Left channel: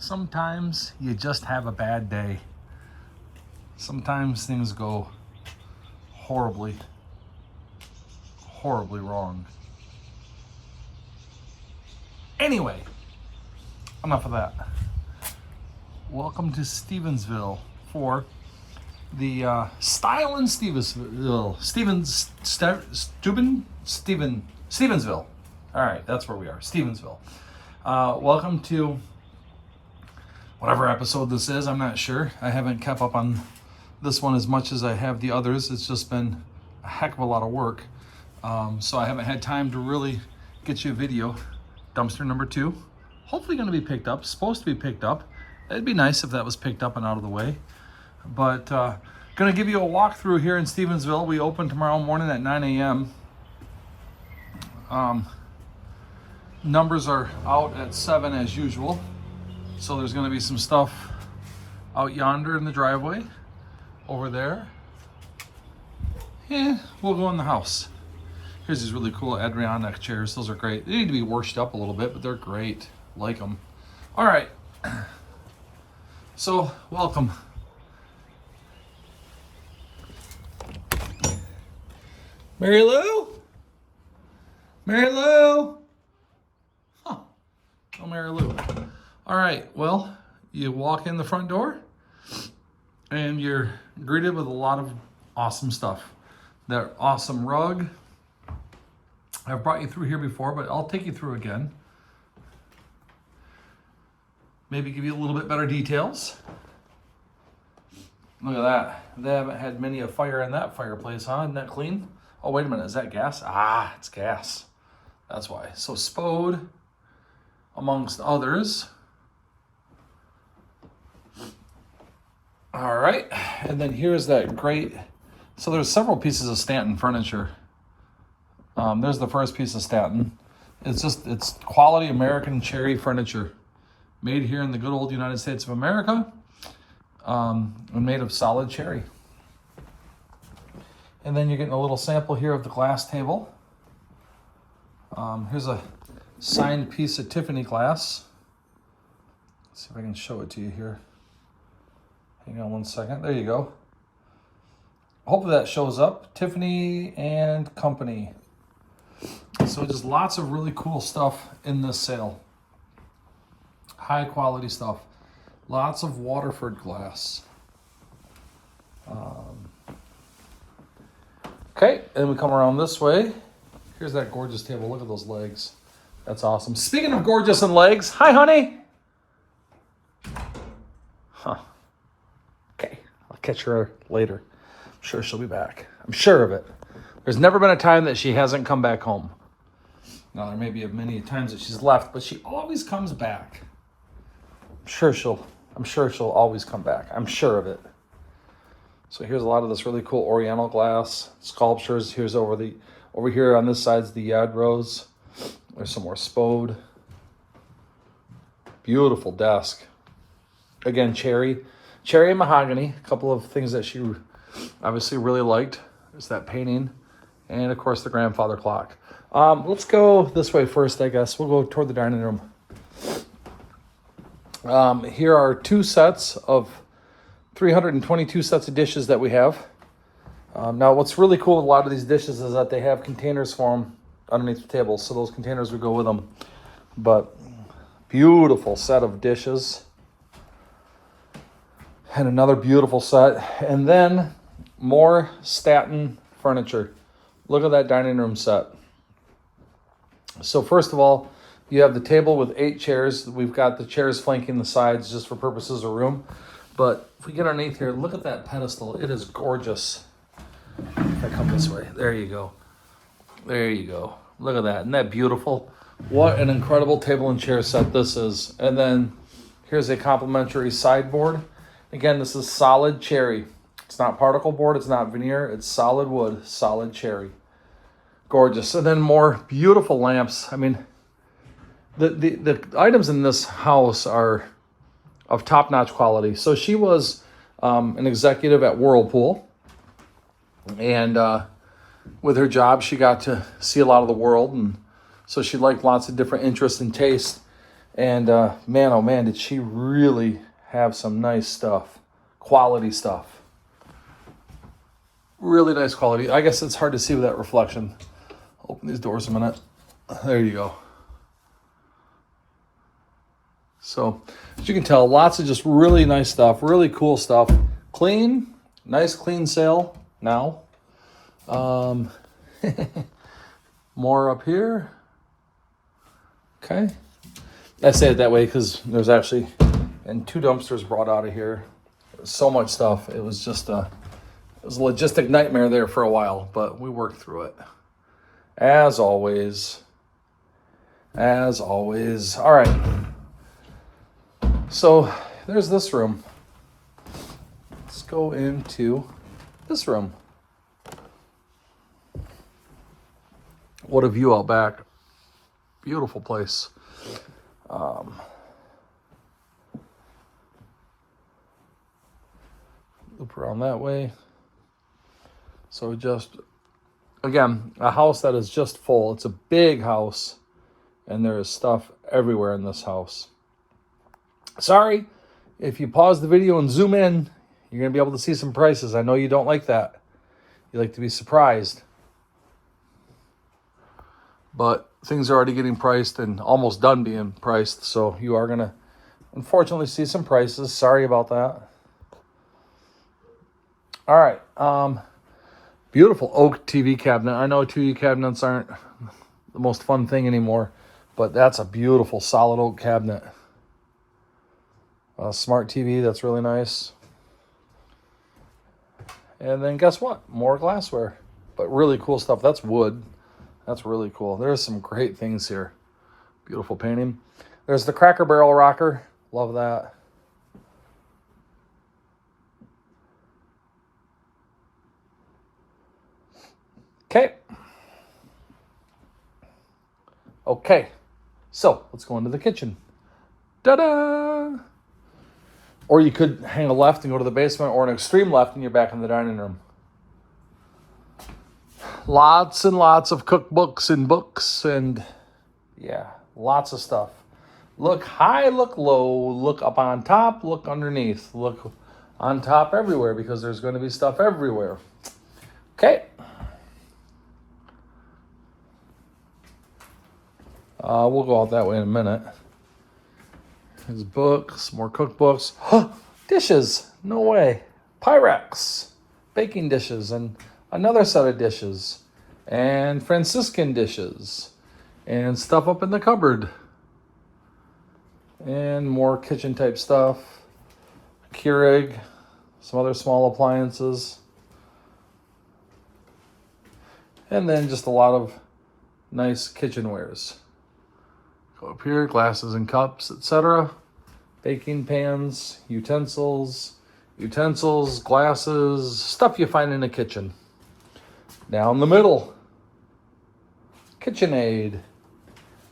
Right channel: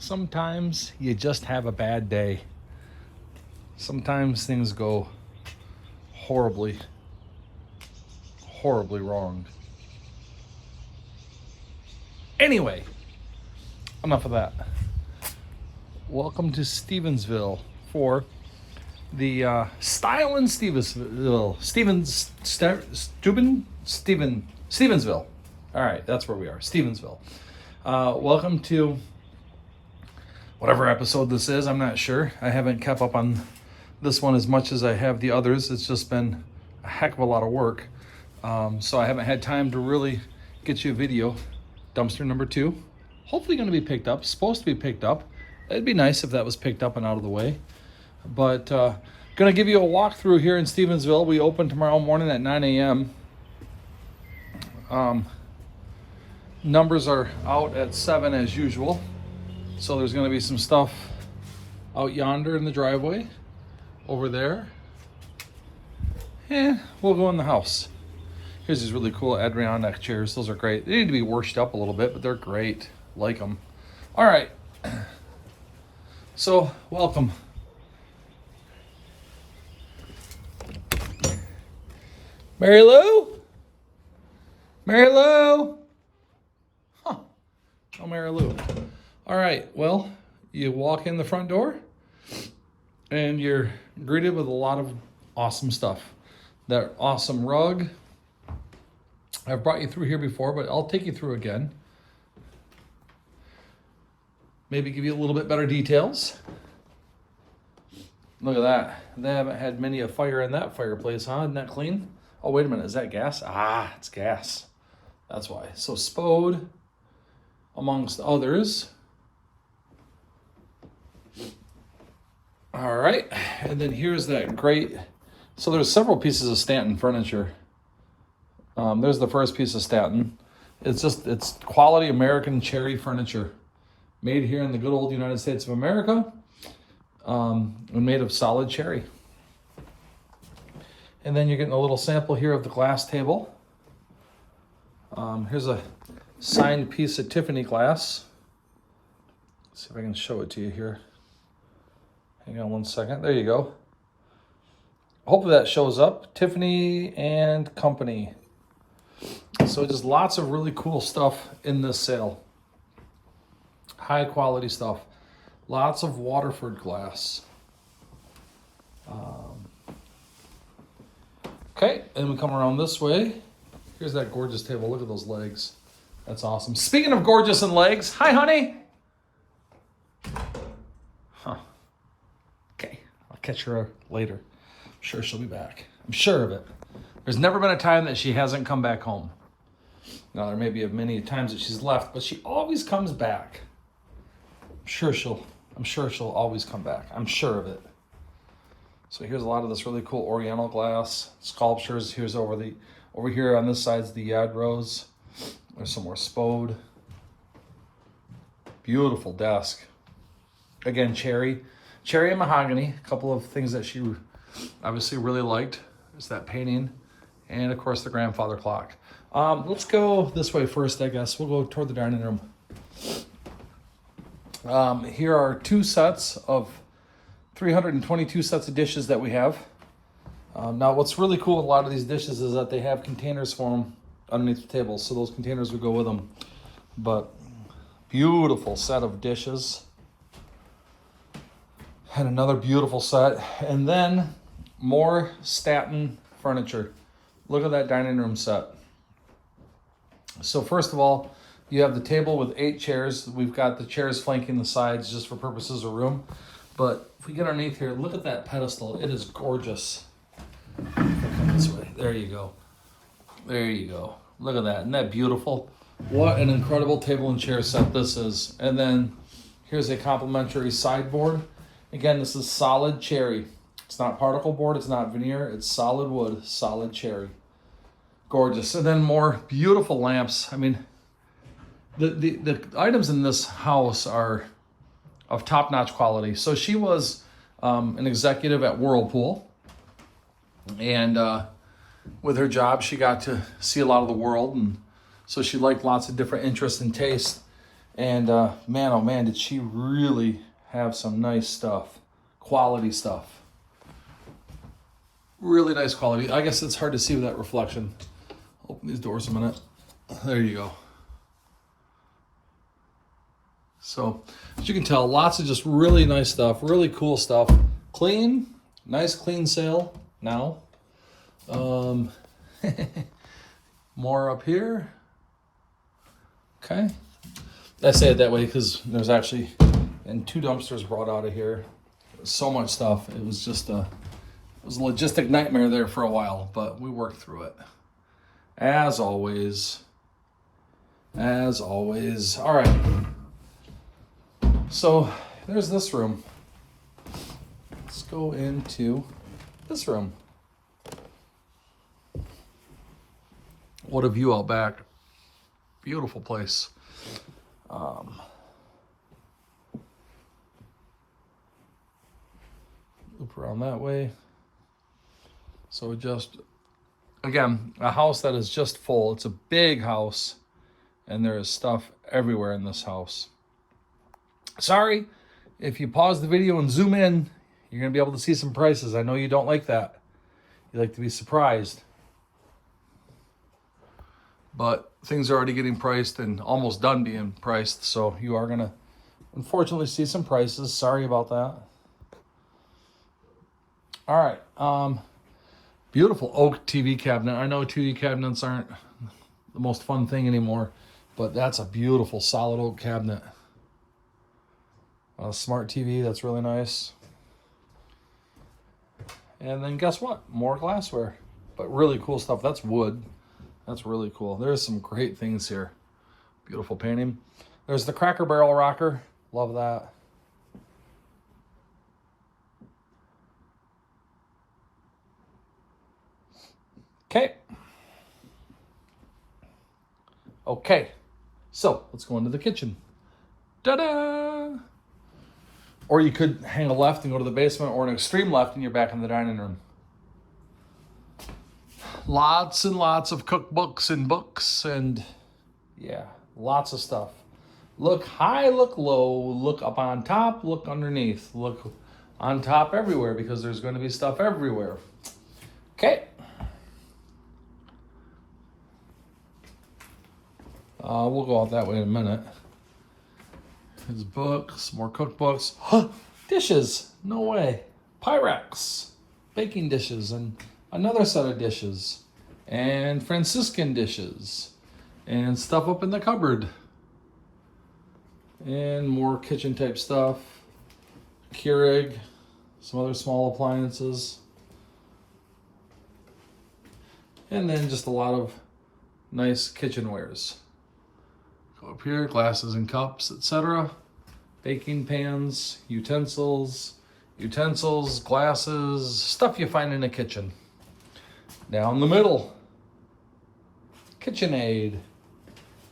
Sometimes you just have a bad day. Sometimes things go horribly, horribly wrong. Anyway, enough of that. Welcome to Stevensville for the Style in Stevensville. Stevensville. All right, that's where we are, Stevensville. Welcome to whatever episode this is. I'm not sure. I haven't kept up on this one as much as I have the others. It's just been a heck of a lot of work. So I haven't had time to really get you a video. Dumpster number 2. Hopefully going to be picked up. Supposed to be picked up. It'd be nice if that was picked up and out of the way. But going to give you a walkthrough here in Stevensville. We open tomorrow morning at 9 a.m. Numbers are out at 7 as usual. So there's going to be some stuff out yonder in the driveway. Over there. We'll go in the house. Here's these really cool Adirondack chairs. Those are great. They need to be washed up a little bit, but they're great. Like them. All right. So, welcome. Mary Lou? Mary Lou? Huh. Oh, Mary Lou. All right. Well, you walk in the front door and you're greeted with a lot of awesome stuff. That awesome rug. I've brought you through here before, but I'll take you through again. Maybe give you a little bit better details. Look at that. They haven't had many a fire in that fireplace, huh? Isn't that clean? Oh, wait a minute. Is that gas? Ah, it's gas. That's why. So Spode, amongst others. All right. And then here's that great... So there's several pieces of Stanton furniture. There's the first piece of Stanton. It's quality American cherry furniture. Made here in the good old United States of America. And made of solid cherry. And then you're getting a little sample here of the glass table. Here's a signed piece of Tiffany glass. Let's see if I can show it to you here. Hang on one second. There you go. Hopefully that shows up. Tiffany and Company. So just lots of really cool stuff in this sale. High quality stuff. Lots of Waterford glass. Okay, and we come around this way. Here's that gorgeous table. Look at those legs. That's awesome. Speaking of gorgeous and legs, hi, honey. Huh. Okay, I'll catch her later. I'm sure she'll be back. I'm sure of it. There's never been a time that she hasn't come back home. Now, there may be many times that she's left, but she always comes back. I'm sure she'll always come back. I'm sure of it. So here's a lot of this really cool Oriental glass sculptures. Here's over here on this side's the Yadros. There's some more Spode. Beautiful desk. Again, cherry and mahogany. A couple of things that she obviously really liked. There's that painting. And of course the grandfather clock. Let's go this way first, I guess. We'll go toward the dining room. Here are 2 sets of 322 sets of dishes that we have. Now what's really cool with a lot of these dishes is that they have containers for them underneath the table. So those containers would go with them. But beautiful set of dishes. And another beautiful set. And then more Stanton furniture. Look at that dining room set. So first of all, you have the table with 8 chairs. We've got the chairs flanking the sides just for purposes of room. But if we get underneath here, look at that pedestal. It is gorgeous. If I come this way, there you go. There you go. Look at that. Isn't that beautiful? What an incredible table and chair set this is. And then here's a complimentary sideboard. Again, this is solid cherry. It's not particle board, it's not veneer, it's solid wood, solid cherry. Gorgeous. And then more beautiful lamps. I mean, the items in this house are of top-notch quality. So she was an executive at Whirlpool. And with her job, she got to see a lot of the world. And so she liked lots of different interests and tastes. And man, oh man, did she really have some nice stuff. Quality stuff. Really nice quality. I guess it's hard to see with that reflection. Open these doors a minute. There you go. So, as you can tell, lots of just really nice stuff, really cool stuff. Clean, nice clean sale now. More up here. Okay. I say it that way because there's actually, and 2 dumpsters brought out of here. So much stuff. It was just it was a logistic nightmare there for a while, but we worked through it. As always. As always. All right. So there's this room. Let's go into this room. What a view out back. Beautiful place. Loop around that way. So just, again, a house that is just full. It's a big house, and there is stuff everywhere in this house. Sorry, if you pause the video and zoom in, you're going to be able to see some prices. I know you don't like that. You like to be surprised. But things are already getting priced and almost done being priced, so you are going to, unfortunately, see some prices. Sorry about that. All right. Beautiful oak TV cabinet. I know TV cabinets aren't the most fun thing anymore, but that's a beautiful solid oak cabinet. Smart TV, that's really nice. And then guess what? More glassware, but really cool stuff. That's wood. That's really cool. There's some great things here. Beautiful painting. There's the Cracker Barrel rocker. Love that. Okay. Okay. So let's go into the kitchen. Ta-da! Or you could hang a left and go to the basement, or an extreme left and you're back in the dining room. Lots and lots of cookbooks and books and yeah, lots of stuff. Look high, look low, look up on top, look underneath, look on top everywhere because there's going to be stuff everywhere. Okay. We'll go out that way in a minute. There's books, more cookbooks. Dishes, no way. Pyrex, baking dishes, and another set of dishes. And Franciscan dishes. And stuff up in the cupboard. And more kitchen type stuff. Keurig, some other small appliances. And then just a lot of nice kitchenwares. Go up here, glasses and cups, etc. Baking pans, utensils, glasses, stuff you find in a kitchen. Down the middle, KitchenAid,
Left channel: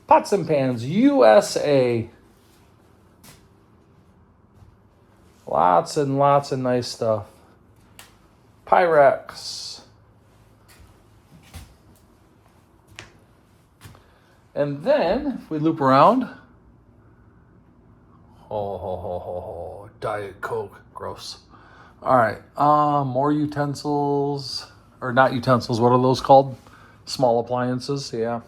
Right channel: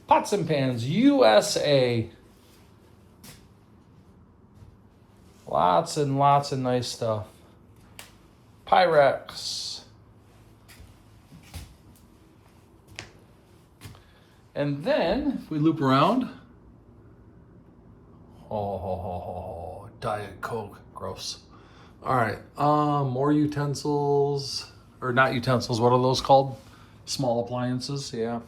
pots and pans, USA. Lots and lots of nice stuff. Pyrex. And then, if we loop around, Diet Coke, gross. All right, more utensils, or not utensils, what are those called? Small appliances, yeah.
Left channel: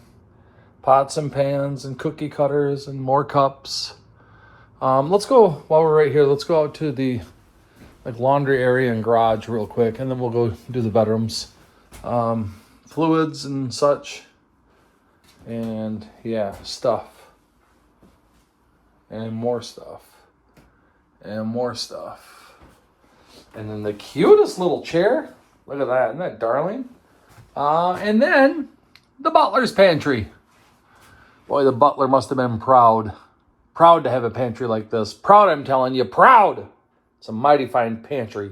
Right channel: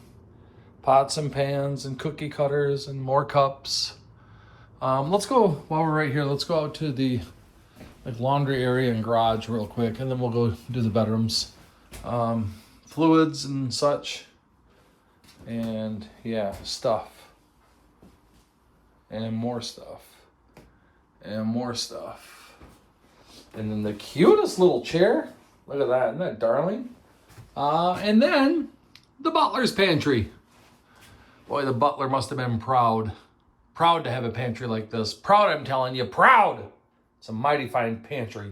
Pots and pans and cookie cutters and more cups. Let's go, while we're right here, let's go out to the laundry area and garage real quick, and then we'll go do the bedrooms. Fluids and such. And yeah, stuff. And more stuff. And more stuff. And then the cutest little chair. Look at that. Isn't that darling? And then the butler's pantry. Boy, the butler must have been proud. Proud to have a pantry like this. Proud, I'm telling you. Proud. It's a mighty fine pantry.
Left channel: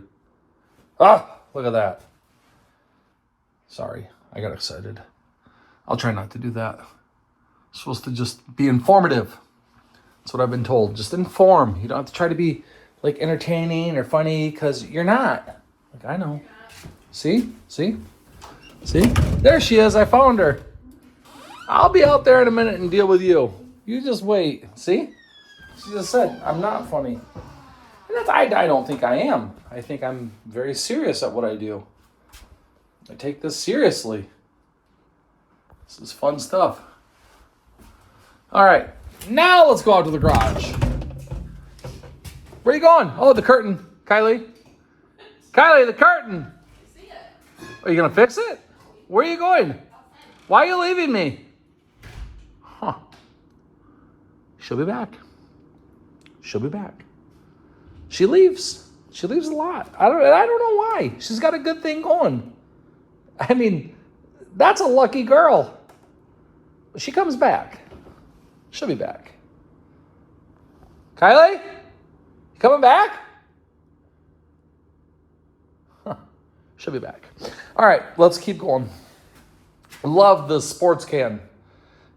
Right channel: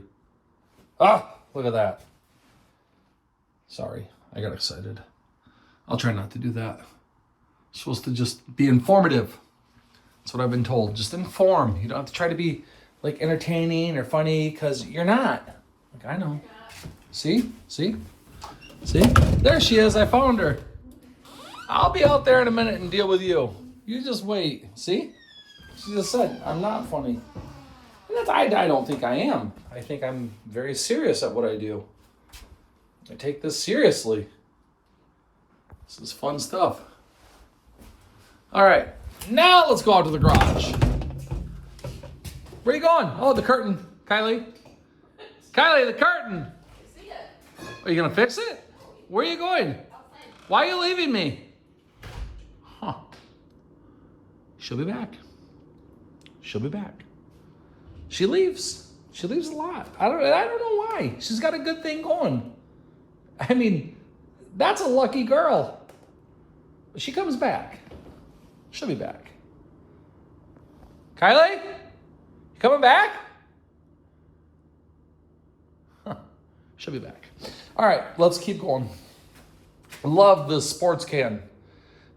Ah, look at that. Sorry, I got excited. I'll try not to do that. It's supposed to just be informative. That's what I've been told. Just inform. You don't have to try to be entertaining or funny because you're not. I know. See? See? See? There she is. I found her. I'll be out there in a minute and deal with you. You just wait. See? She just said, I'm not funny. And that's, I don't think I am. I think I'm very serious at what I do. I take this seriously. This is fun stuff. All right. Now let's go out to the garage. Where are you going? Oh, the curtain. Kylie. Kylie, the curtain. I see it. Are you going to fix it? Where are you going? Why are you leaving me? Huh. She'll be back. She'll be back. She leaves. She leaves a lot. I don't know why. She's got a good thing going. I mean, that's a lucky girl. She comes back. She'll be back. Kylie? Coming back? Huh. She'll be back. All right, let's keep going. Love this sports can.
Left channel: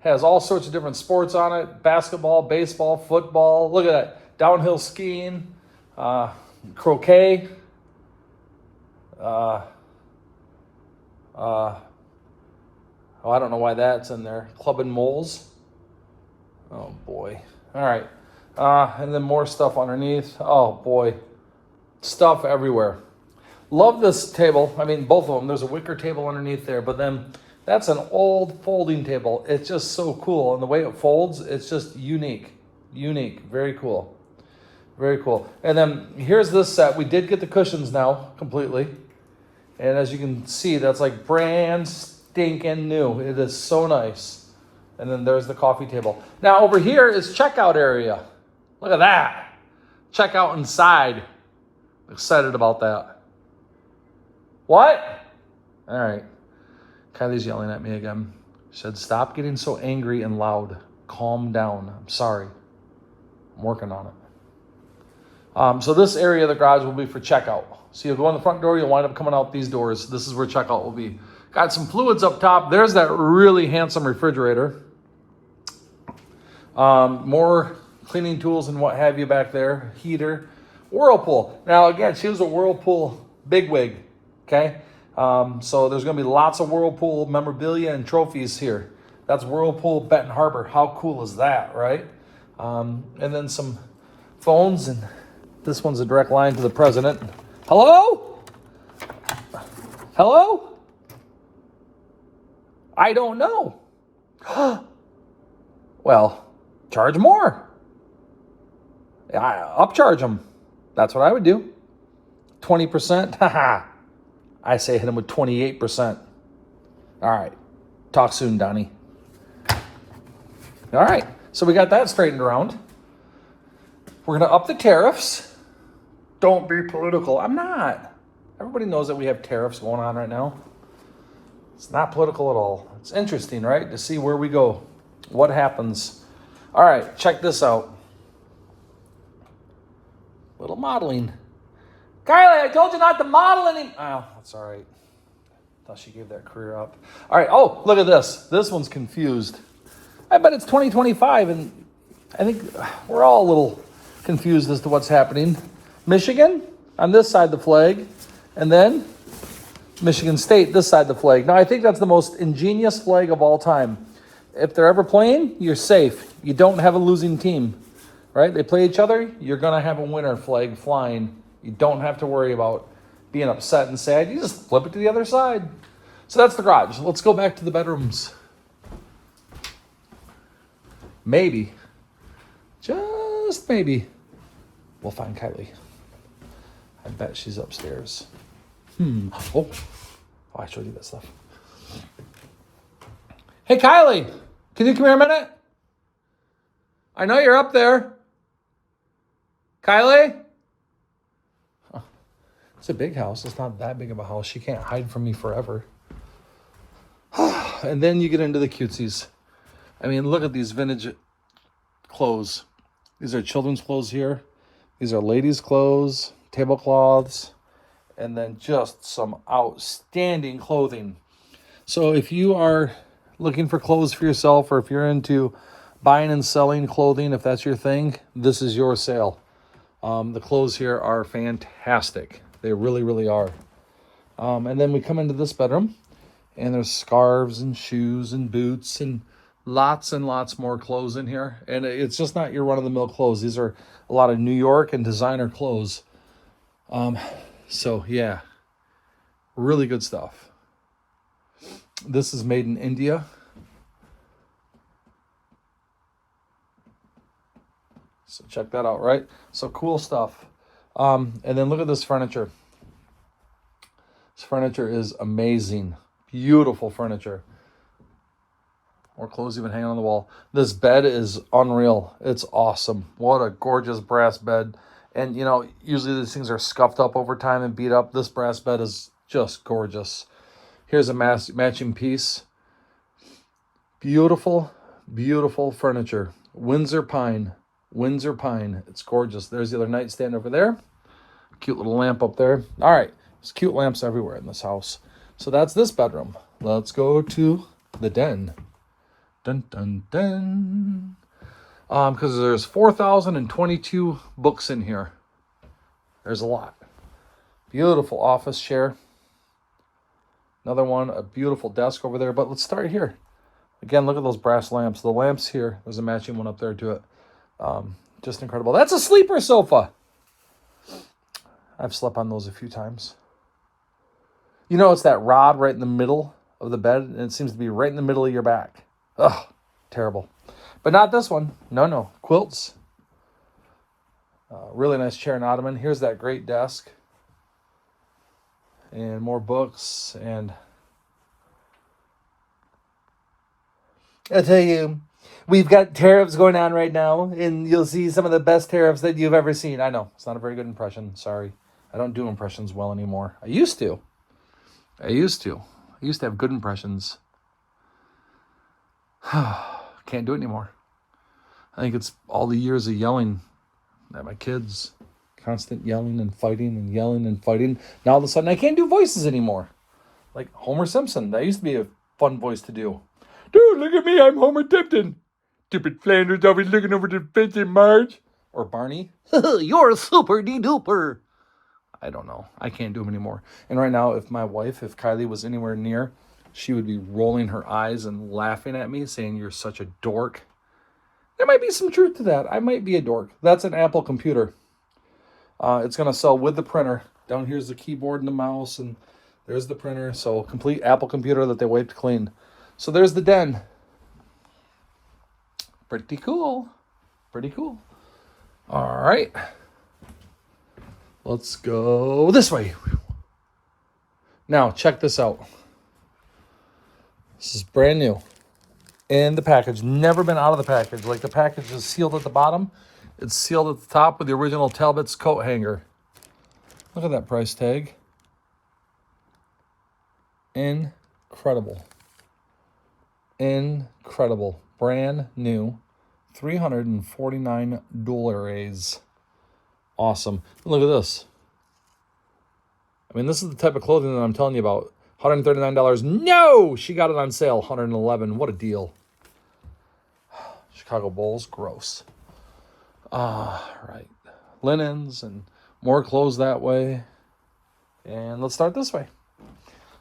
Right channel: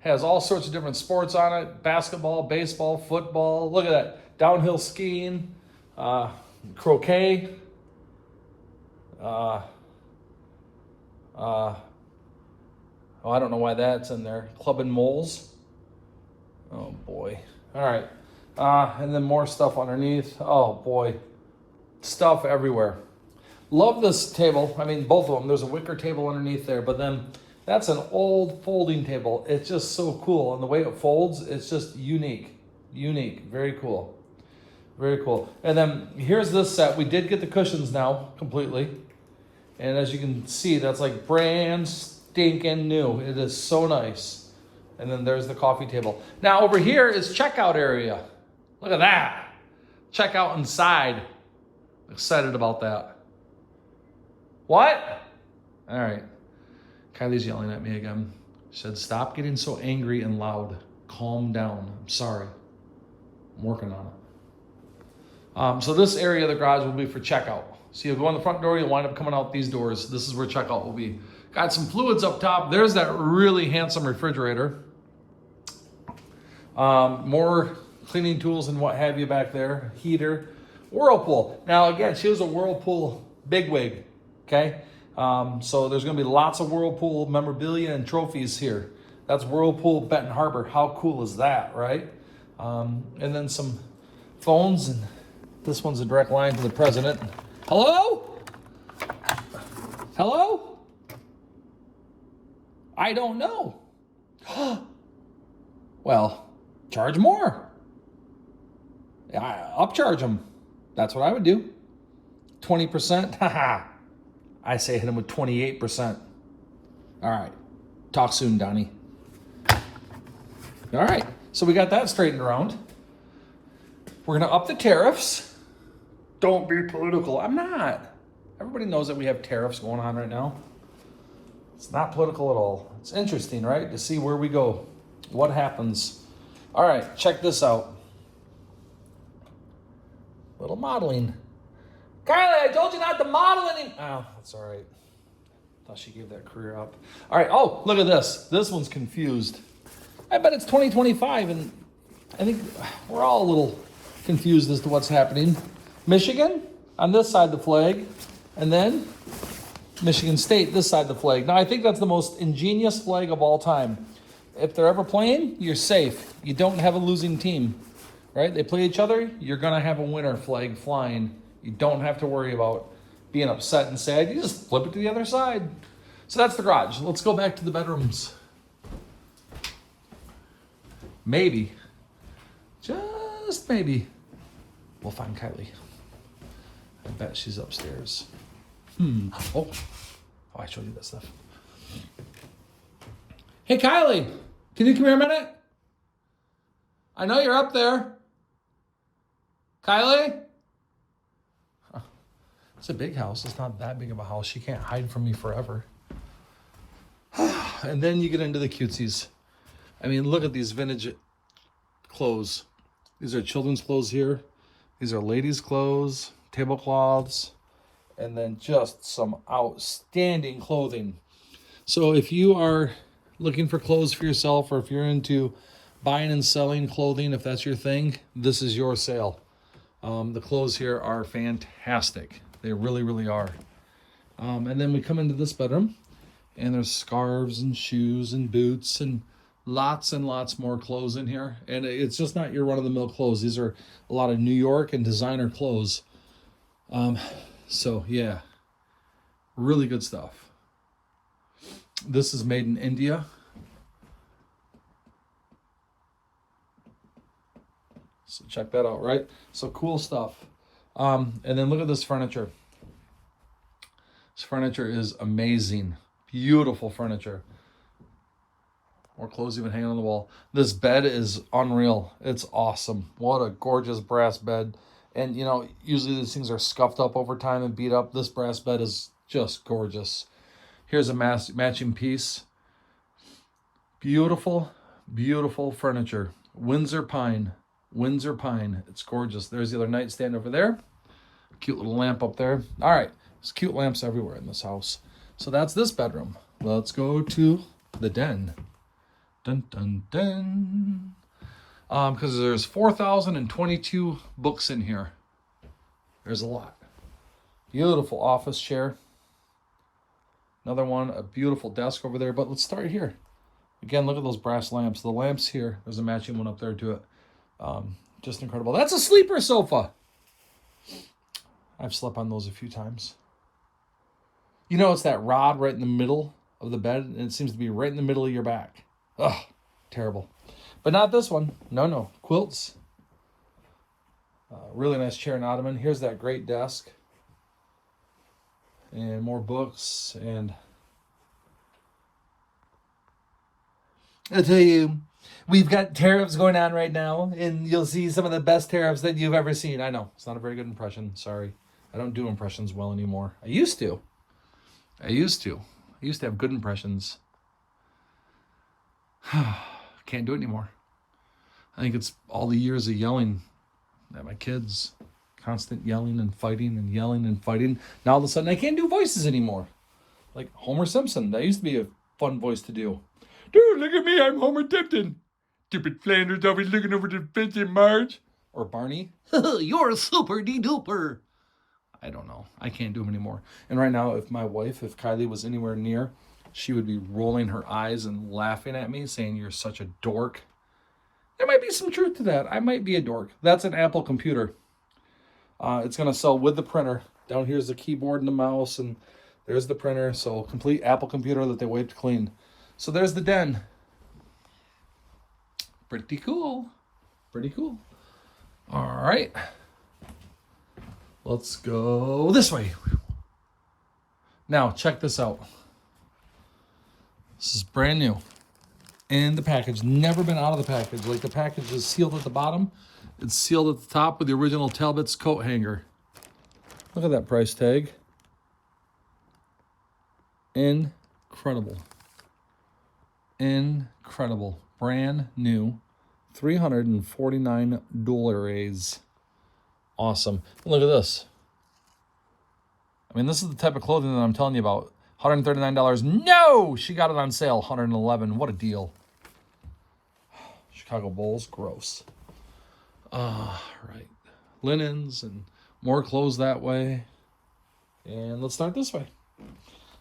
Has all sorts of different sports on it. Basketball, baseball, football. Look at that. Downhill skiing, croquet. Oh, I don't know why that's in there. Club and moles. Oh, boy. All right. And then more stuff underneath. Oh, boy. Stuff everywhere. Love this table. I mean, both of them. There's a wicker table underneath there, but then that's an old folding table. It's just so cool. And the way it folds, it's just unique. Unique. Very cool. Very cool. And then here's this set. We did get the cushions now completely. And as you can see, that's like brand stinking new. It is so nice. And then there's the coffee table. Now over here is checkout area. Look at that. Checkout inside. Excited about that. What? All right. Kylie's yelling at me again. She said, stop getting so angry and loud. Calm down. I'm sorry. I'm working on it. So this area of the garage will be for checkout. So you'll go in the front door, you'll wind up coming out these doors. This is where checkout will be. Got some fluids up top. There's that really handsome refrigerator. More cleaning tools and what have you back there. Heater. Whirlpool. Now again, she was a Whirlpool bigwig. Okay? So there's going to be lots of Whirlpool memorabilia and trophies here. That's Whirlpool Benton Harbor. How cool is that, right? And then some phones, and this one's a direct line to the president. Hello? Hello? I don't know. Well, charge more. Upcharge them. That's what I would do. 20%. Haha. I say hit him with 28%. All right. Talk soon, Donnie. All right. So we got that straightened around. We're going to up the tariffs. Don't be political. I'm not. Everybody knows that we have tariffs going on right now. It's not political at all. It's interesting, right? To see where we go. What happens. All right. Check this out. Little modeling. Kylie, I told you not to model anymore. Oh, that's all right. Thought she gave that career up. All right. Oh, look at this. This one's confused. I bet it's 2025, and I think we're all a little confused as to what's happening. Michigan on this side of the flag, and then Michigan State this side of the flag. Now, I think that's the most ingenious flag of all time. If they're ever playing, you're safe. You don't have a losing team, right? They play each other, you're going to have a winner flag flying. You don't have to worry about being upset and sad. You just flip it to the other side. So that's the garage. Let's go back to the bedrooms. Maybe, just maybe, we'll find Kylie. I bet she's upstairs. Oh, I showed you that stuff. Hey, Kylie, can you come here a minute? I know you're up there. Kylie? Oh, it's a big house. It's not that big of a house. She can't hide from me forever. And then you get into the cutesies. I mean, look at these vintage clothes. These are children's clothes here. These are ladies' clothes, tablecloths, and then just some outstanding clothing. So if you are looking for clothes for yourself, or if you're into buying and selling clothing, if that's your thing, this is your sale. The clothes here are fantastic. They really, really are. And then we come into this bedroom, and there's scarves and shoes and boots and Lots and lots more clothes in here. And it's just not your run-of-the-mill clothes. These are a lot of New York and designer clothes. So, yeah, really good stuff. This is made in India. So check that out, right? So cool stuff. And then look at this furniture. This furniture is amazing. Beautiful furniture. More clothes even hanging on the wall. This bed is unreal. It's awesome. What a gorgeous brass bed. And, you know, usually these things are scuffed up over time and beat up. This brass bed is just gorgeous. Here's a matching piece. Beautiful, beautiful furniture. Windsor pine. Windsor pine. It's gorgeous. There's the other nightstand over there. Cute little lamp up there. All right. There's cute lamps everywhere in this house. So that's this bedroom. Let's go to the den. Dun, dun, dun. Because there's 4,022 books in here. There's a lot. Beautiful office chair. Another one, a beautiful desk over there. But let's start here. Again, look at those brass lamps. The lamps here, there's a matching one up there to it. Just incredible. That's a sleeper sofa. I've slept on those a few times. You know, it's that rod right in the middle of the bed, and it seems to be right in the middle of your back. Ugh, terrible. But not this one. No. Quilts. Really nice chair and ottoman. Here's that great desk. And more books. And I'll tell you, we've got tariffs going on right now, and you'll see some of the best tariffs that you've ever seen. I know, it's not a very good impression. Sorry. I don't do impressions well anymore. I used to. I used to have good impressions. Can't do it anymore. I think it's all the years of yelling at my kids. Constant yelling and fighting and yelling and fighting. Now all of a sudden I can't do voices anymore. Like Homer Simpson. That used to be a fun voice to do. Dude, look at me. I'm Homer Tipton. Stupid Flanders always looking over the fence in Marge. Or Barney. You're a super de-duper. I don't know. I can't do them anymore. And right now, if Kylie was anywhere near, she would be rolling her eyes and laughing at me, saying, "You're such a dork." There might be some truth to that. I might be a dork. That's an Apple computer. It's going to sell with the printer. Down here's the keyboard and the mouse, and there's the printer. So complete Apple computer that they wiped clean. So there's the den. Pretty cool. Pretty cool. All right. Let's go this way. Now, check this out. This is brand new. In the package. Never been out of the package. Like the package is sealed at the bottom. It's sealed at the top with the original Talbot's coat hanger. Look at that price tag. Incredible. Incredible. Brand new. $349. Awesome. Look at this. I mean, this is the type of clothing that I'm telling you about. $139. No! She got it on sale. $111. What a deal. Chicago Bulls. Gross. Right. Linens and more clothes that way. And let's start this way.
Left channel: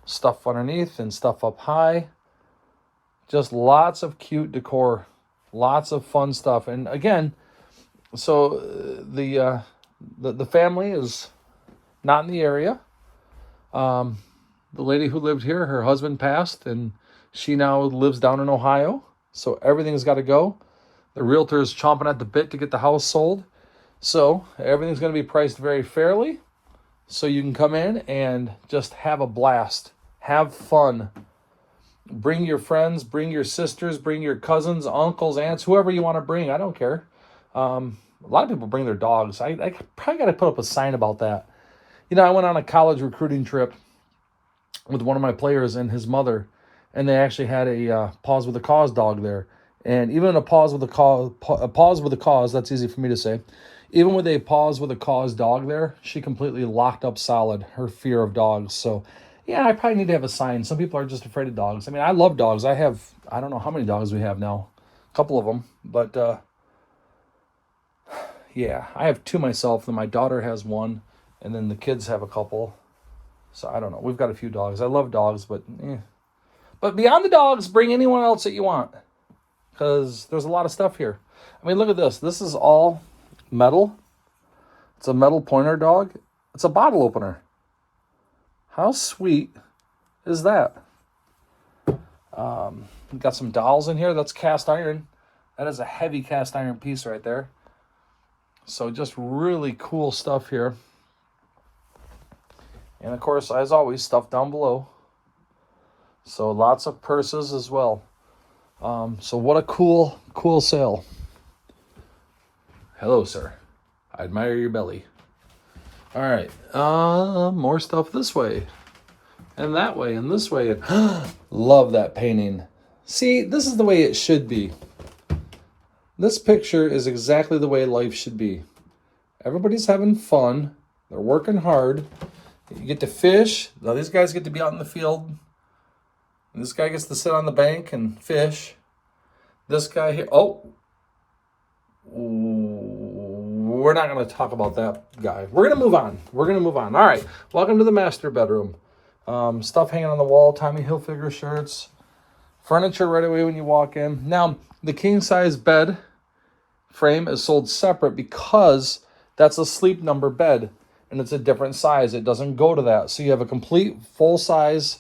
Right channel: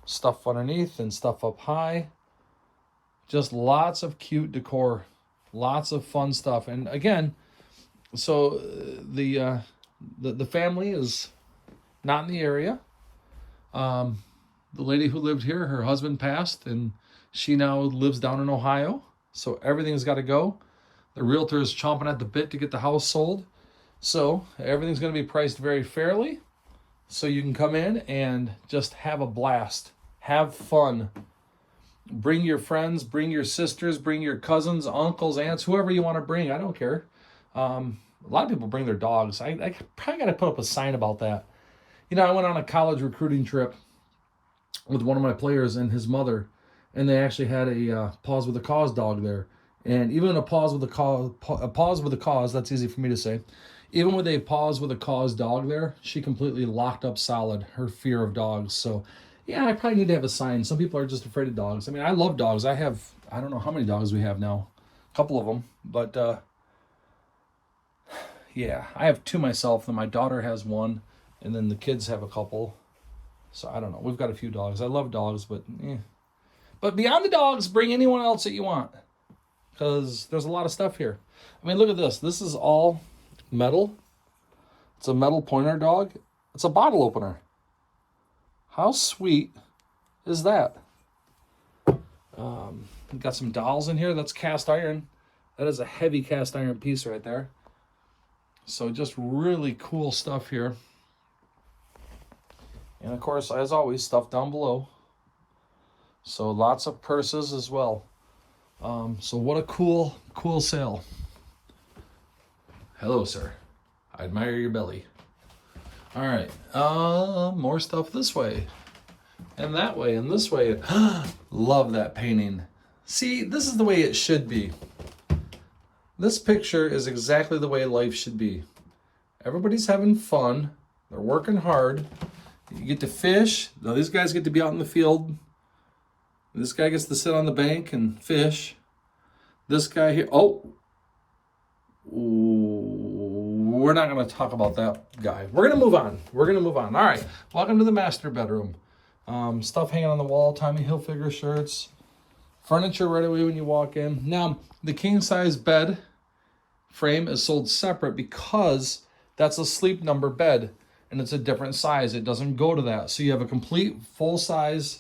Stuff underneath and stuff up high. Just lots of cute decor. Lots of fun stuff. And again, so the family is not in the area. The lady who lived here, her husband passed, and she now lives down in Ohio. So everything's got to go. The realtor's chomping at the bit to get the house sold. So everything's going to be priced very fairly. So you can come in and just have a blast. Have fun. Bring your friends, bring your sisters, bring your cousins, uncles, aunts, whoever you want to bring. I don't care. A lot of people bring their dogs. I probably got to put up a sign about that. You know, I went on a college recruiting trip with one of my players and his mother, and they actually had a Pause with a Cause dog there. And even a pause with a cause, that's easy for me to say. Even with a Pause with a Cause dog there, she completely locked up solid her fear of dogs. So, yeah, I probably need to have a sign. Some people are just afraid of dogs. I mean, I love dogs. I don't know how many dogs we have now. A couple of them. But, yeah, I have two myself, and my daughter has one, and then the kids have a couple. So, I don't know. We've got a few dogs. I love dogs, but, But beyond the dogs, bring anyone else that you want. because there's a lot of stuff here. I mean, look at this. This is all metal. It's a metal pointer dog. It's a bottle opener. How sweet is that? We've got some dolls in here. That's cast iron. That is a heavy cast iron piece right there. So just really cool stuff here. And of course, as always, stuff down below. So lots of purses as well. So what a cool sale. Hello, sir. I admire your belly. All right, more stuff this way, and that way, and this way. Love that painting. See, this is the way it should be. This picture is exactly the way life should be. Everybody's having fun. They're working hard. You get to fish. Now these guys get to be out in the field. This guy gets to sit on the bank and fish. This guy here, we're not going to talk about that guy. We're going to move on. All right, welcome to the master bedroom. Stuff hanging on the wall, Tommy Hilfiger shirts. Furniture right away when you walk in. Now, the king-size bed frame is sold separate because that's a sleep number bed, and it's a different size. It doesn't go to that. So you have a complete full-size,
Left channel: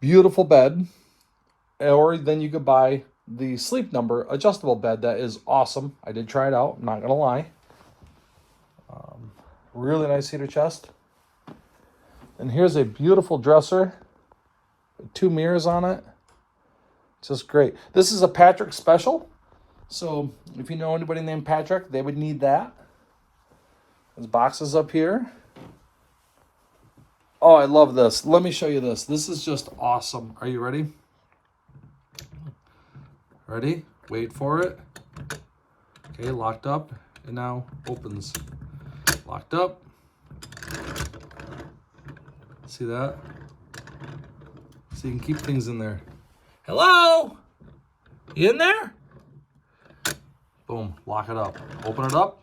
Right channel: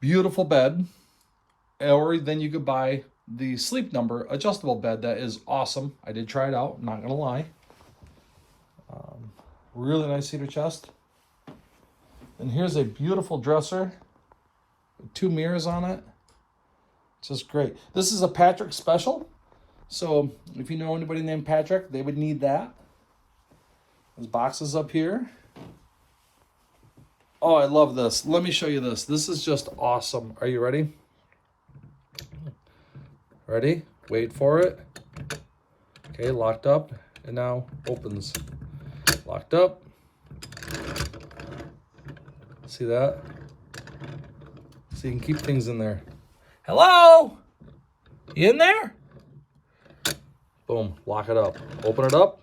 beautiful bed, or then you could buy the sleep number adjustable bed. That is awesome. I did try it out, I'm not going to lie. Really nice cedar chest. And here's a beautiful dresser with 2 mirrors on it. Just great. This is a Patrick special. So if you know anybody named Patrick, they would need that. There's boxes up here. Oh, I love this. Let me show you this. This is just awesome. Are you ready? Ready? Wait for it. Okay, locked up. And now opens. Locked up. See that? So you can keep things in there. Hello? You in there? Boom, lock it up. Open it up.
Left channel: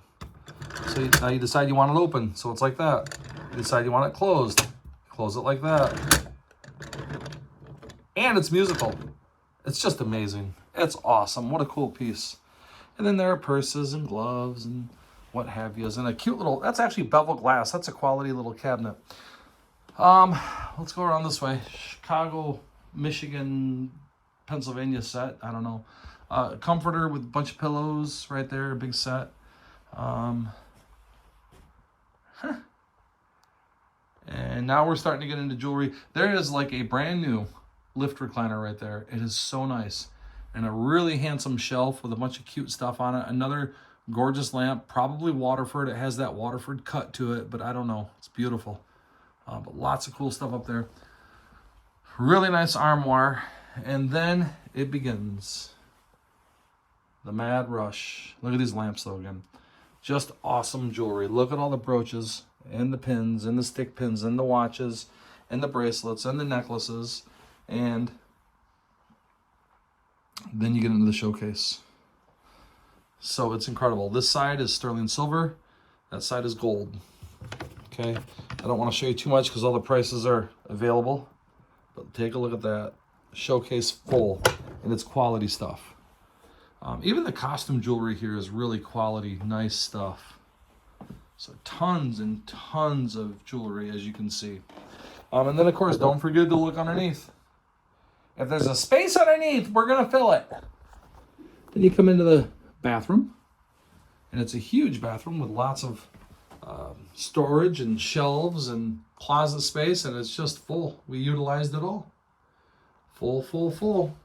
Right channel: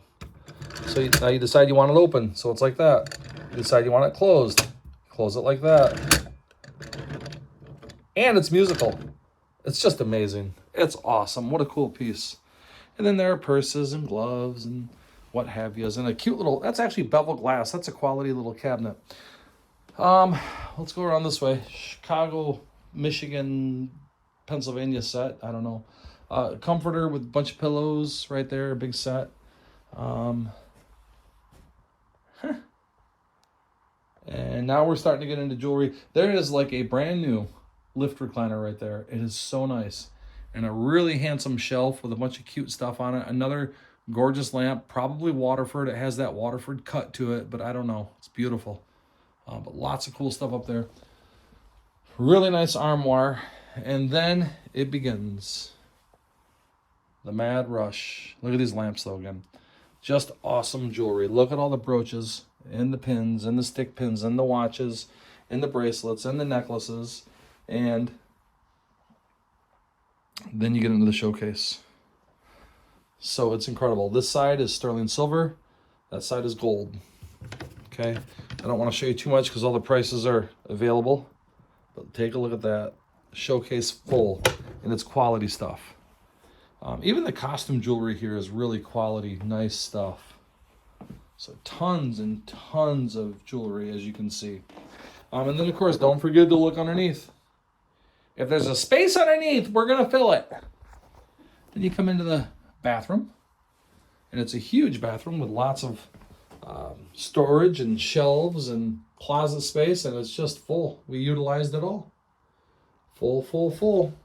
So now you decide you want it open. So it's like that. You decide you want it closed. Close it like that. And it's musical. It's just amazing. It's awesome. What a cool piece. And then there are purses and gloves and what have you. And a cute little, that's actually bevel glass. That's a quality little cabinet. Let's go around this way. Chicago, Michigan, Pennsylvania set. I don't know. Comforter with a bunch of pillows right there. A big set. And now we're starting to get into jewelry. There is like a brand new lift recliner right there. It is so nice. And a really handsome shelf with a bunch of cute stuff on it. Another gorgeous lamp, probably Waterford. It has that Waterford cut to it, but I don't know. It's beautiful. But lots of cool stuff up there. Really nice armoire. And then it begins. The mad rush. Look at these lamps though again. Just awesome jewelry. Look at all the brooches and the pins and the stick pins and the watches and the bracelets and the necklaces. And then you get into the showcase. So it's incredible. This side is sterling silver. That side is gold. Okay. I don't want to show you too much because all the prices are available. But take a look at that. Showcase full. And it's quality stuff. Even the costume jewelry here is really quality, nice stuff. So tons and tons of jewelry, as you can see. And then, of course, don't forget to look underneath. If there's a space underneath, we're going to fill it. Then you come into the bathroom. And it's a huge bathroom with lots of storage and shelves and closet space. And it's just full. We utilized it all. Full, full, full.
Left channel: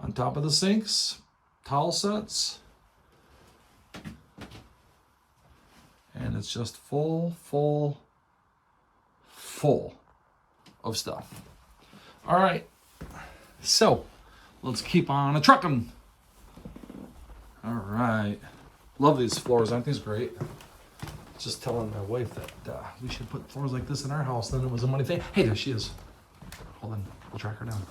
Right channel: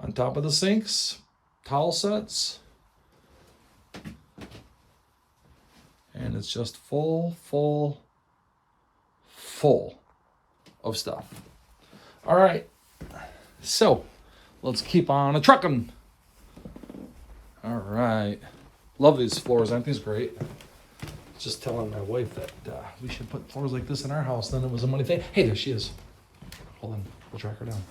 On top of the sinks, towel sets. And it's just full, full, full of stuff. All right. So let's keep on a trucking. All right. Love these floors. Aren't these great? Just telling my wife that we should put floors like this in our house. Then it was a money thing. Hey, there she is. Hold on. We'll track her down.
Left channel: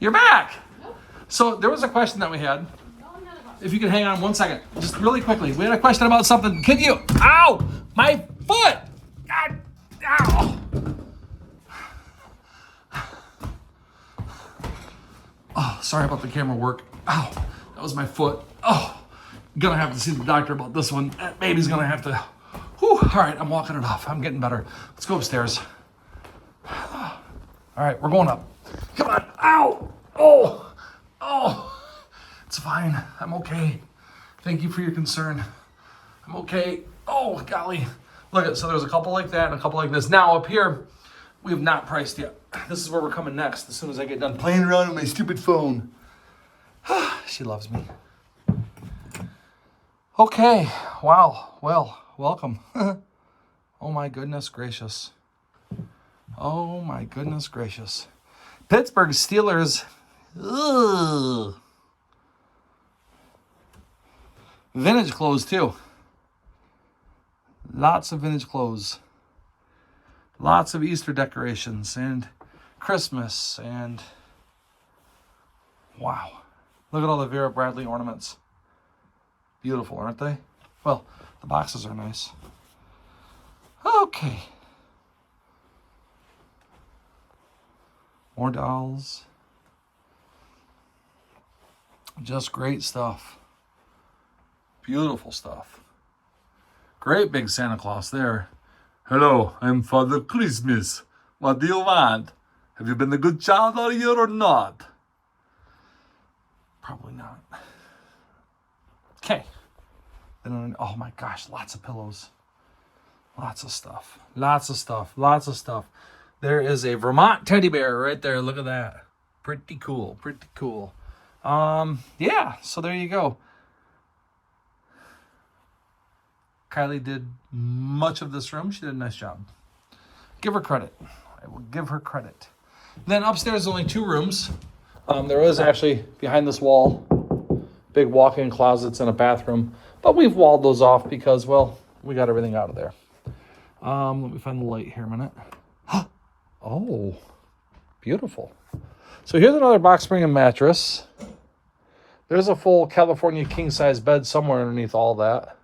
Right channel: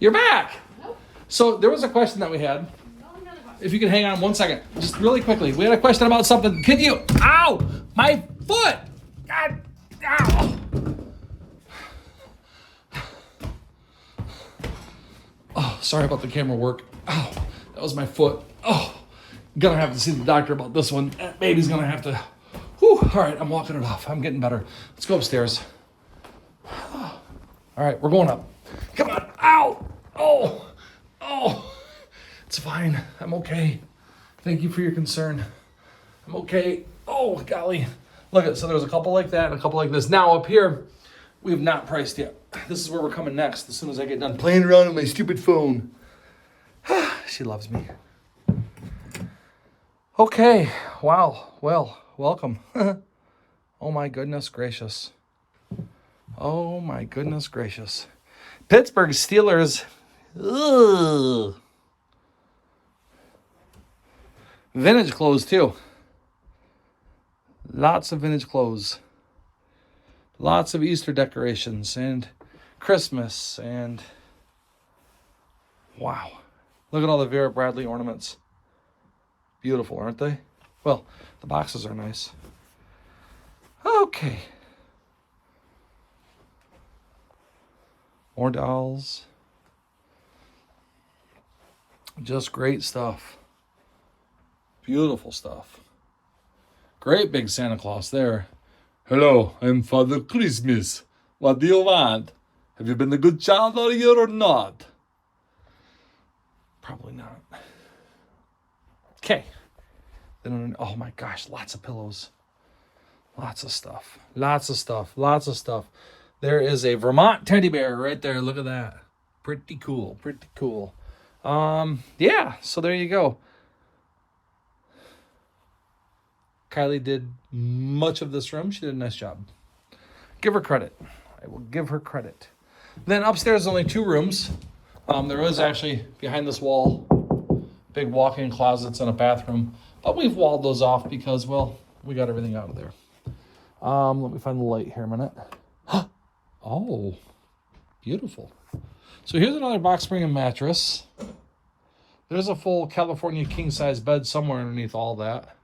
You're back. Nope. So there was a question that we had. If you can hang on 1 second, just really quickly. We had a question about something. Could you? Ow! My foot! Ow! Oh, sorry about the camera work. Oh, that was my foot. Oh, gonna have to see the doctor about this one. That baby's gonna have to. Whew. All right, I'm walking it off. I'm getting better. Let's go upstairs. All right, we're going up. Come on. Ow. Oh. Oh. It's fine. I'm okay. Thank you for your concern. I'm okay. Oh, golly. Look at, so there's a couple like that and a couple like this. Now up here, we have not priced yet. This is where we're coming next as soon as I get done playing around with my stupid phone. She loves me. Okay. Wow. Well, welcome. Oh my goodness gracious. Oh my goodness gracious. Pittsburgh Steelers. Ugh. Vintage clothes too. Lots of vintage clothes. Lots of Easter decorations and Christmas and wow. Look at all the Vera Bradley ornaments. Beautiful, aren't they? Well, the boxes are nice. Okay. More dolls. Just great stuff. Beautiful stuff. Great big Santa Claus there. Hello, I'm Father Christmas. What do you want? Have you been a good child all year or not? Probably not. Okay. Then, oh my gosh, lots of pillows. Lots of stuff. Lots of stuff. Lots of stuff. There is a Vermont teddy bear right there. Look at that. Pretty cool. Pretty cool. Yeah, so there you go. Kylie did much of this room. She did a nice job. Give her credit. I will give her credit. Then upstairs, only 2 rooms. There is actually behind this wall, big walk-in closets and a bathroom. But we've walled those off because, well, we got everything out of there. Let me find the light here a minute. Oh, beautiful. So here's another box spring and mattress. There's a full California king-size bed somewhere underneath all that.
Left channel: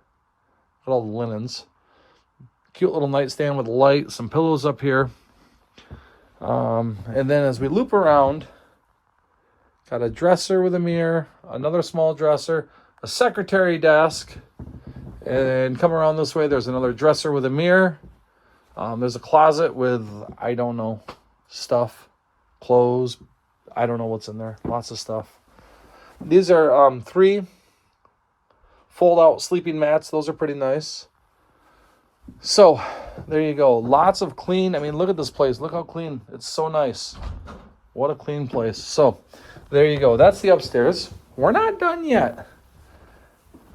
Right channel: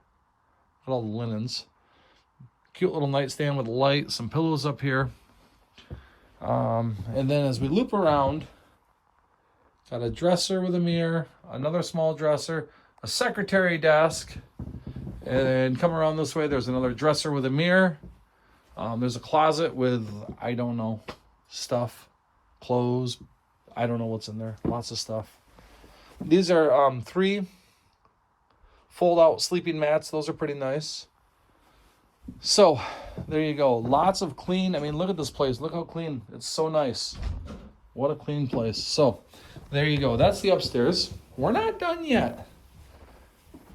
With all the linens. Cute little nightstand with a light, some pillows up here. And then as we loop around, got a dresser with a mirror, another small dresser, a secretary desk, and come around this way, there's another dresser with a mirror. There's a closet with, I don't know, stuff, clothes, I don't know what's in there, lots of stuff. These are 3 fold-out sleeping mats. Those are pretty nice. So, there you go. Lots of clean. I mean, look at this place. Look how clean. It's so nice. What a clean place. So, there you go. That's the upstairs. We're not done yet.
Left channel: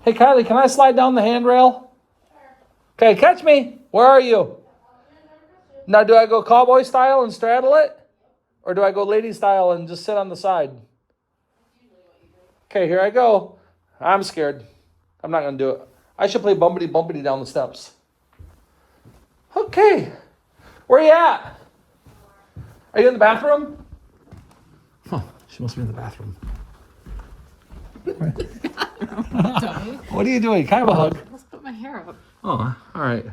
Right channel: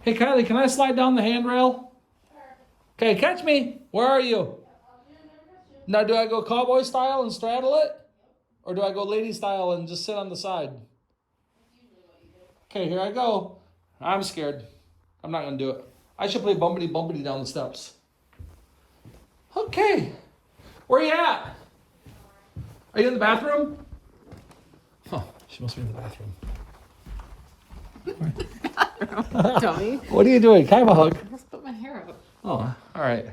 Hey, Kylie, can I slide down the handrail? Okay, catch me. Where are you? Now, do I go cowboy style and straddle it? Or do I go lady style and just sit on the side? Okay, here I go. I'm scared. I'm not going to do it. I should play bumpity bumpity down the steps. Okay. Where are you at? Are you in the bathroom? Huh. She must be in the bathroom. What are you doing? Can I have a hug? I just put my hair out. Oh, all right.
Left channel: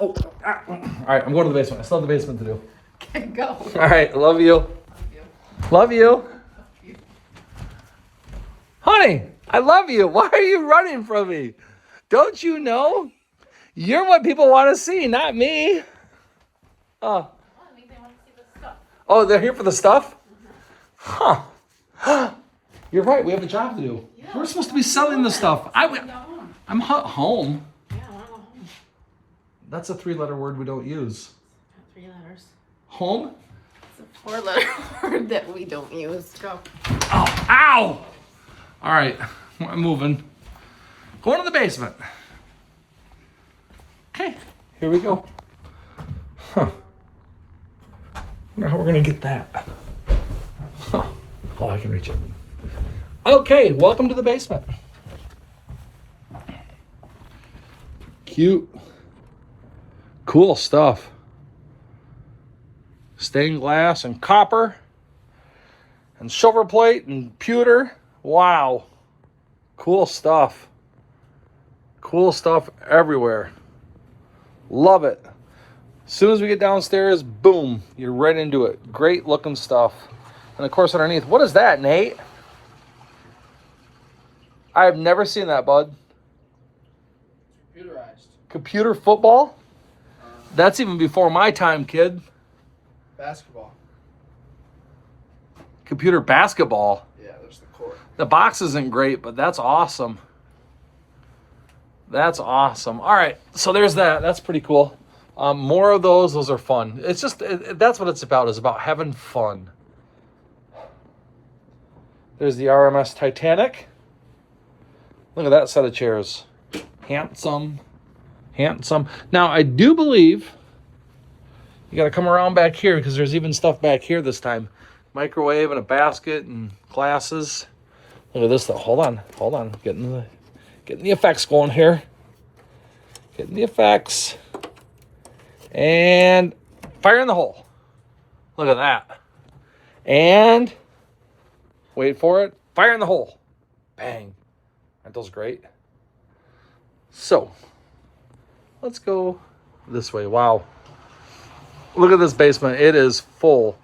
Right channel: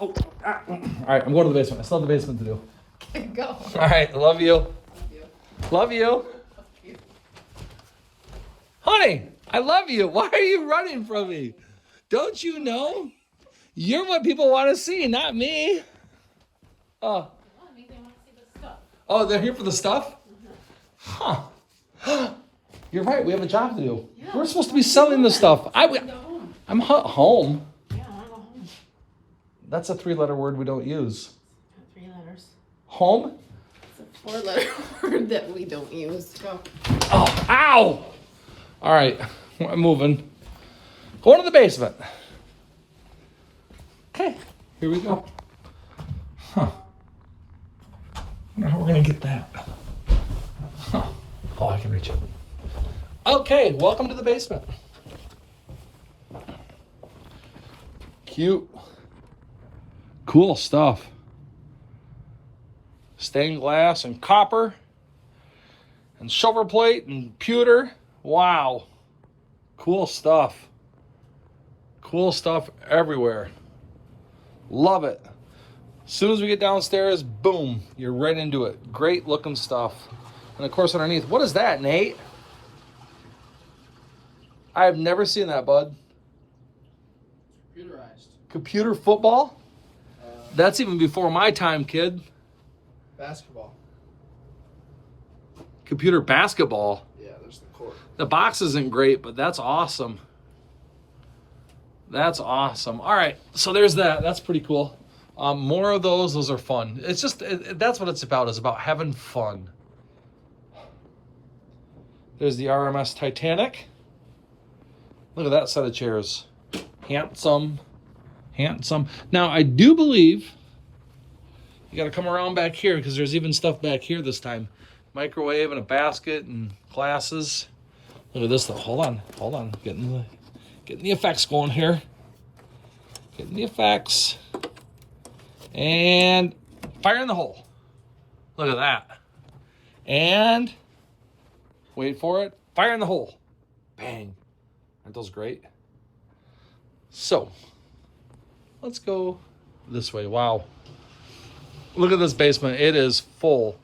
Oh, all right. I'm going to the basement. I still have the basement to do. Okay, go. All right. Love you. Love you. Love you. Honey, I love you. Why are you running from me? Don't you know? You're what people want to see, not me. Oh. Oh, they're here for the stuff? Huh. You're right. We have a job to do. Yeah. We're supposed to be selling the stuff. I'm home. Yeah, I'm home. That's a 3-letter word we don't use. 3 letters. Home? It's a 4-letter word that we don't use. Go. Oh, ow! All right, I'm moving. Going to the basement. Okay, here we go. Huh. I wonder how we're gonna get that. Huh. Oh, I can reach it. Okay, welcome to the basement. Cute. Cool stuff. Stained glass and copper and silver plate and pewter. Wow. Cool stuff. Cool stuff everywhere. Love it. As soon as we get downstairs, boom, you're right into it. Great looking stuff. And of course underneath, what is that, Nate? I have never seen that, bud. Computerized. Computer football? That's even before my time, kid. Basketball. Computer basketball. Yeah, there's the court. The box isn't great, but that's awesome. That's awesome. All right, so there's that. That's pretty cool. More of those. Those are fun. It's just, that's what it's about, is about having fun. There's the RMS Titanic. Look at that set of chairs. Handsome. Handsome. Now, I do believe you got to come around back here because there's even stuff back here this time. Microwave and a basket and glasses. Look at this though. Hold on. Getting the effects going here. Getting the effects. And fire in the hole. Look at that. And wait for it. Fire in the hole. Bang. Aren't those great? So let's go this way. Wow. Look at this basement. It is full.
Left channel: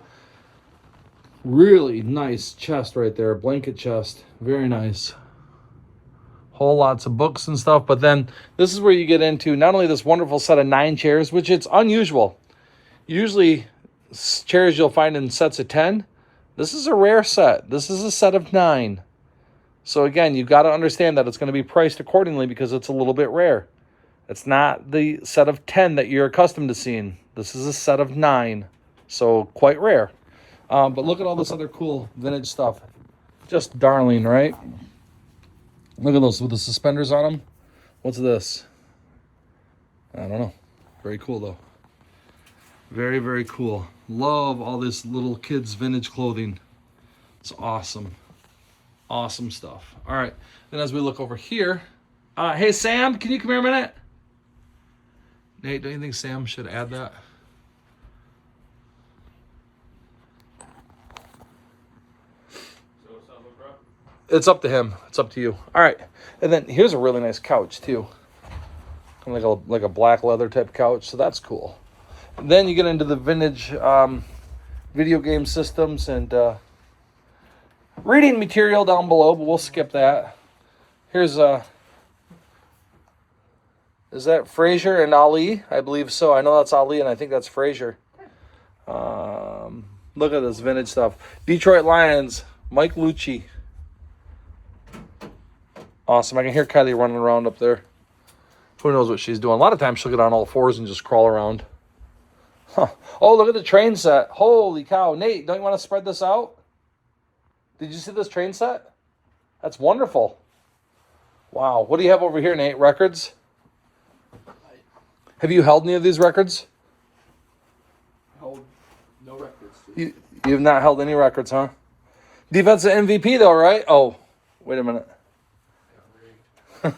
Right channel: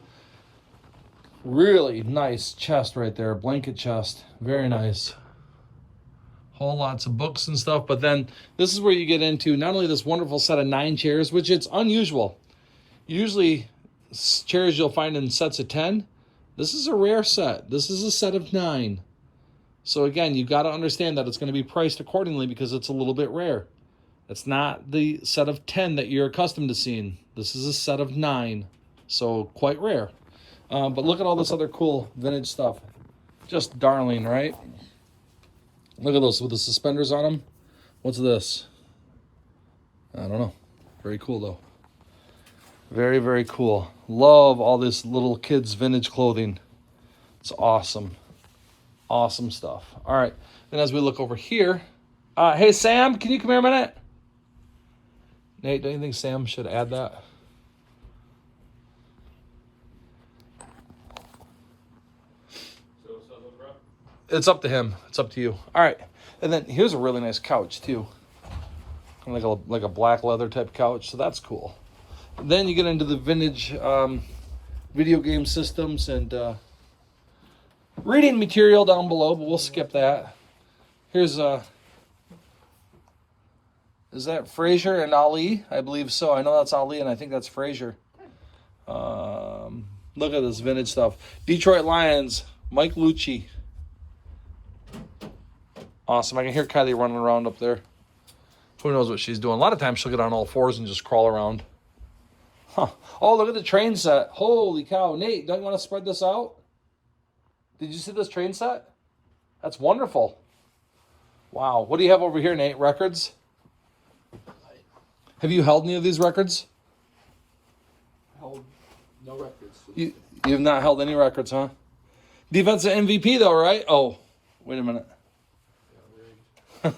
Really nice chest right there. Blanket chest. Very nice. Whole lots of books and stuff. But then this is where you get into not only this wonderful set of 9 chairs, which it's unusual. Usually chairs you'll find in sets of 10. This is a rare set. This is a set of 9. So again, you've got to understand that it's going to be priced accordingly because it's a little bit rare. It's not the set of 10 that you're accustomed to seeing. This is a set of 9. So quite rare. But look at all this other cool vintage stuff. Just darling, right? Look at those with the suspenders on them. What's this? I don't know. Very cool though. Very, very cool. Love all this little kids vintage clothing. It's awesome. Awesome stuff. All right. Then as we look over here, hey Sam, can you come here a minute? Nate, don't you think Sam should add that? It's up to him. It's up to you. All right. And then here's a really nice couch too. Like a black leather type couch. So that's cool. And then you get into the vintage video game systems and reading material down below, but we'll skip that. Here's is that Frazier and Ali? I believe so. I know that's Ali and I think that's Frazier. Look at this vintage stuff. Detroit Lions, Mike Lucci. Awesome. I can hear Kylie running around up there. Who knows what she's doing? A lot of times she'll get on all fours and just crawl around. Huh. Oh, look at the train set. Holy cow. Nate, don't you want to spread this out? Did you see this train set? That's wonderful. Wow. What do you have over here, Nate? Records? Have you held any of these records? Hold no records. You've not held any records, huh? Defensive MVP, though, right? Oh, wait a minute. And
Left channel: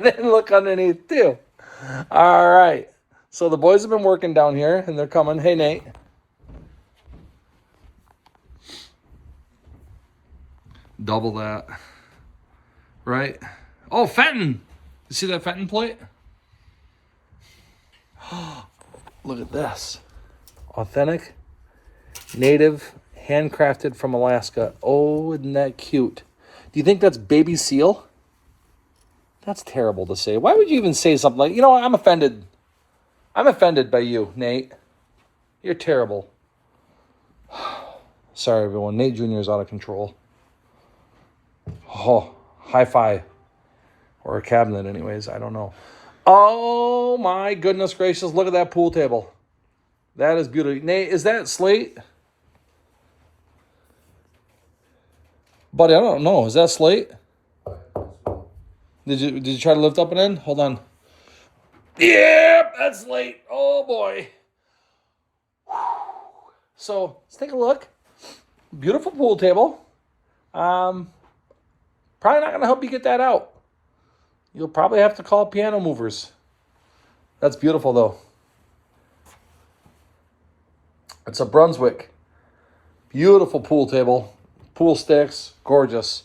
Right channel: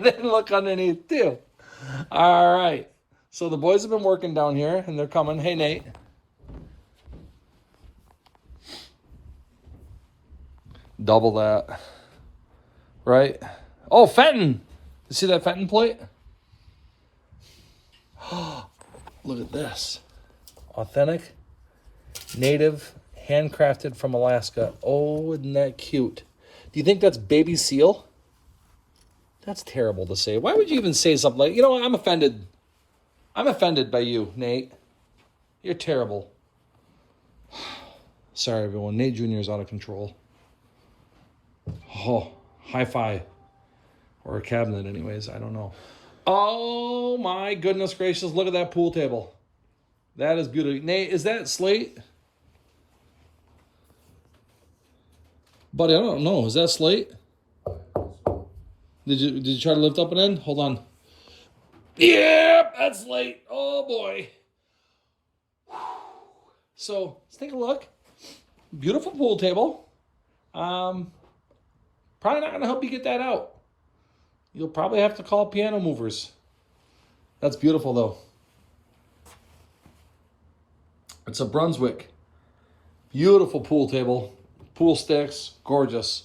then look underneath, too. All right. So the boys have been working down here, and they're coming. Hey, Nate. Double that. Right? Oh, Fenton. You see that Fenton plate? Look at this. Authentic, native, handcrafted from Alaska. Oh, isn't that cute? Do you think that's baby seal? That's terrible to say. Why would you even say something like, I'm offended. I'm offended by you, Nate. You're terrible. Sorry, everyone. Nate Jr. is out of control. Oh, high five. Or a cabinet, anyways. I don't know. Oh, my goodness gracious. Look at that pool table. That is beautiful. Nate, is that slate? Buddy, I don't know. Is that slate? Did you try to lift up and in? Hold on. Yep, that's slate. Oh, boy. So, let's take a look. Beautiful pool table. Probably not going to help you get that out. You'll probably have to call piano movers. That's beautiful, though. It's a Brunswick. Beautiful pool table. Pool sticks. Gorgeous.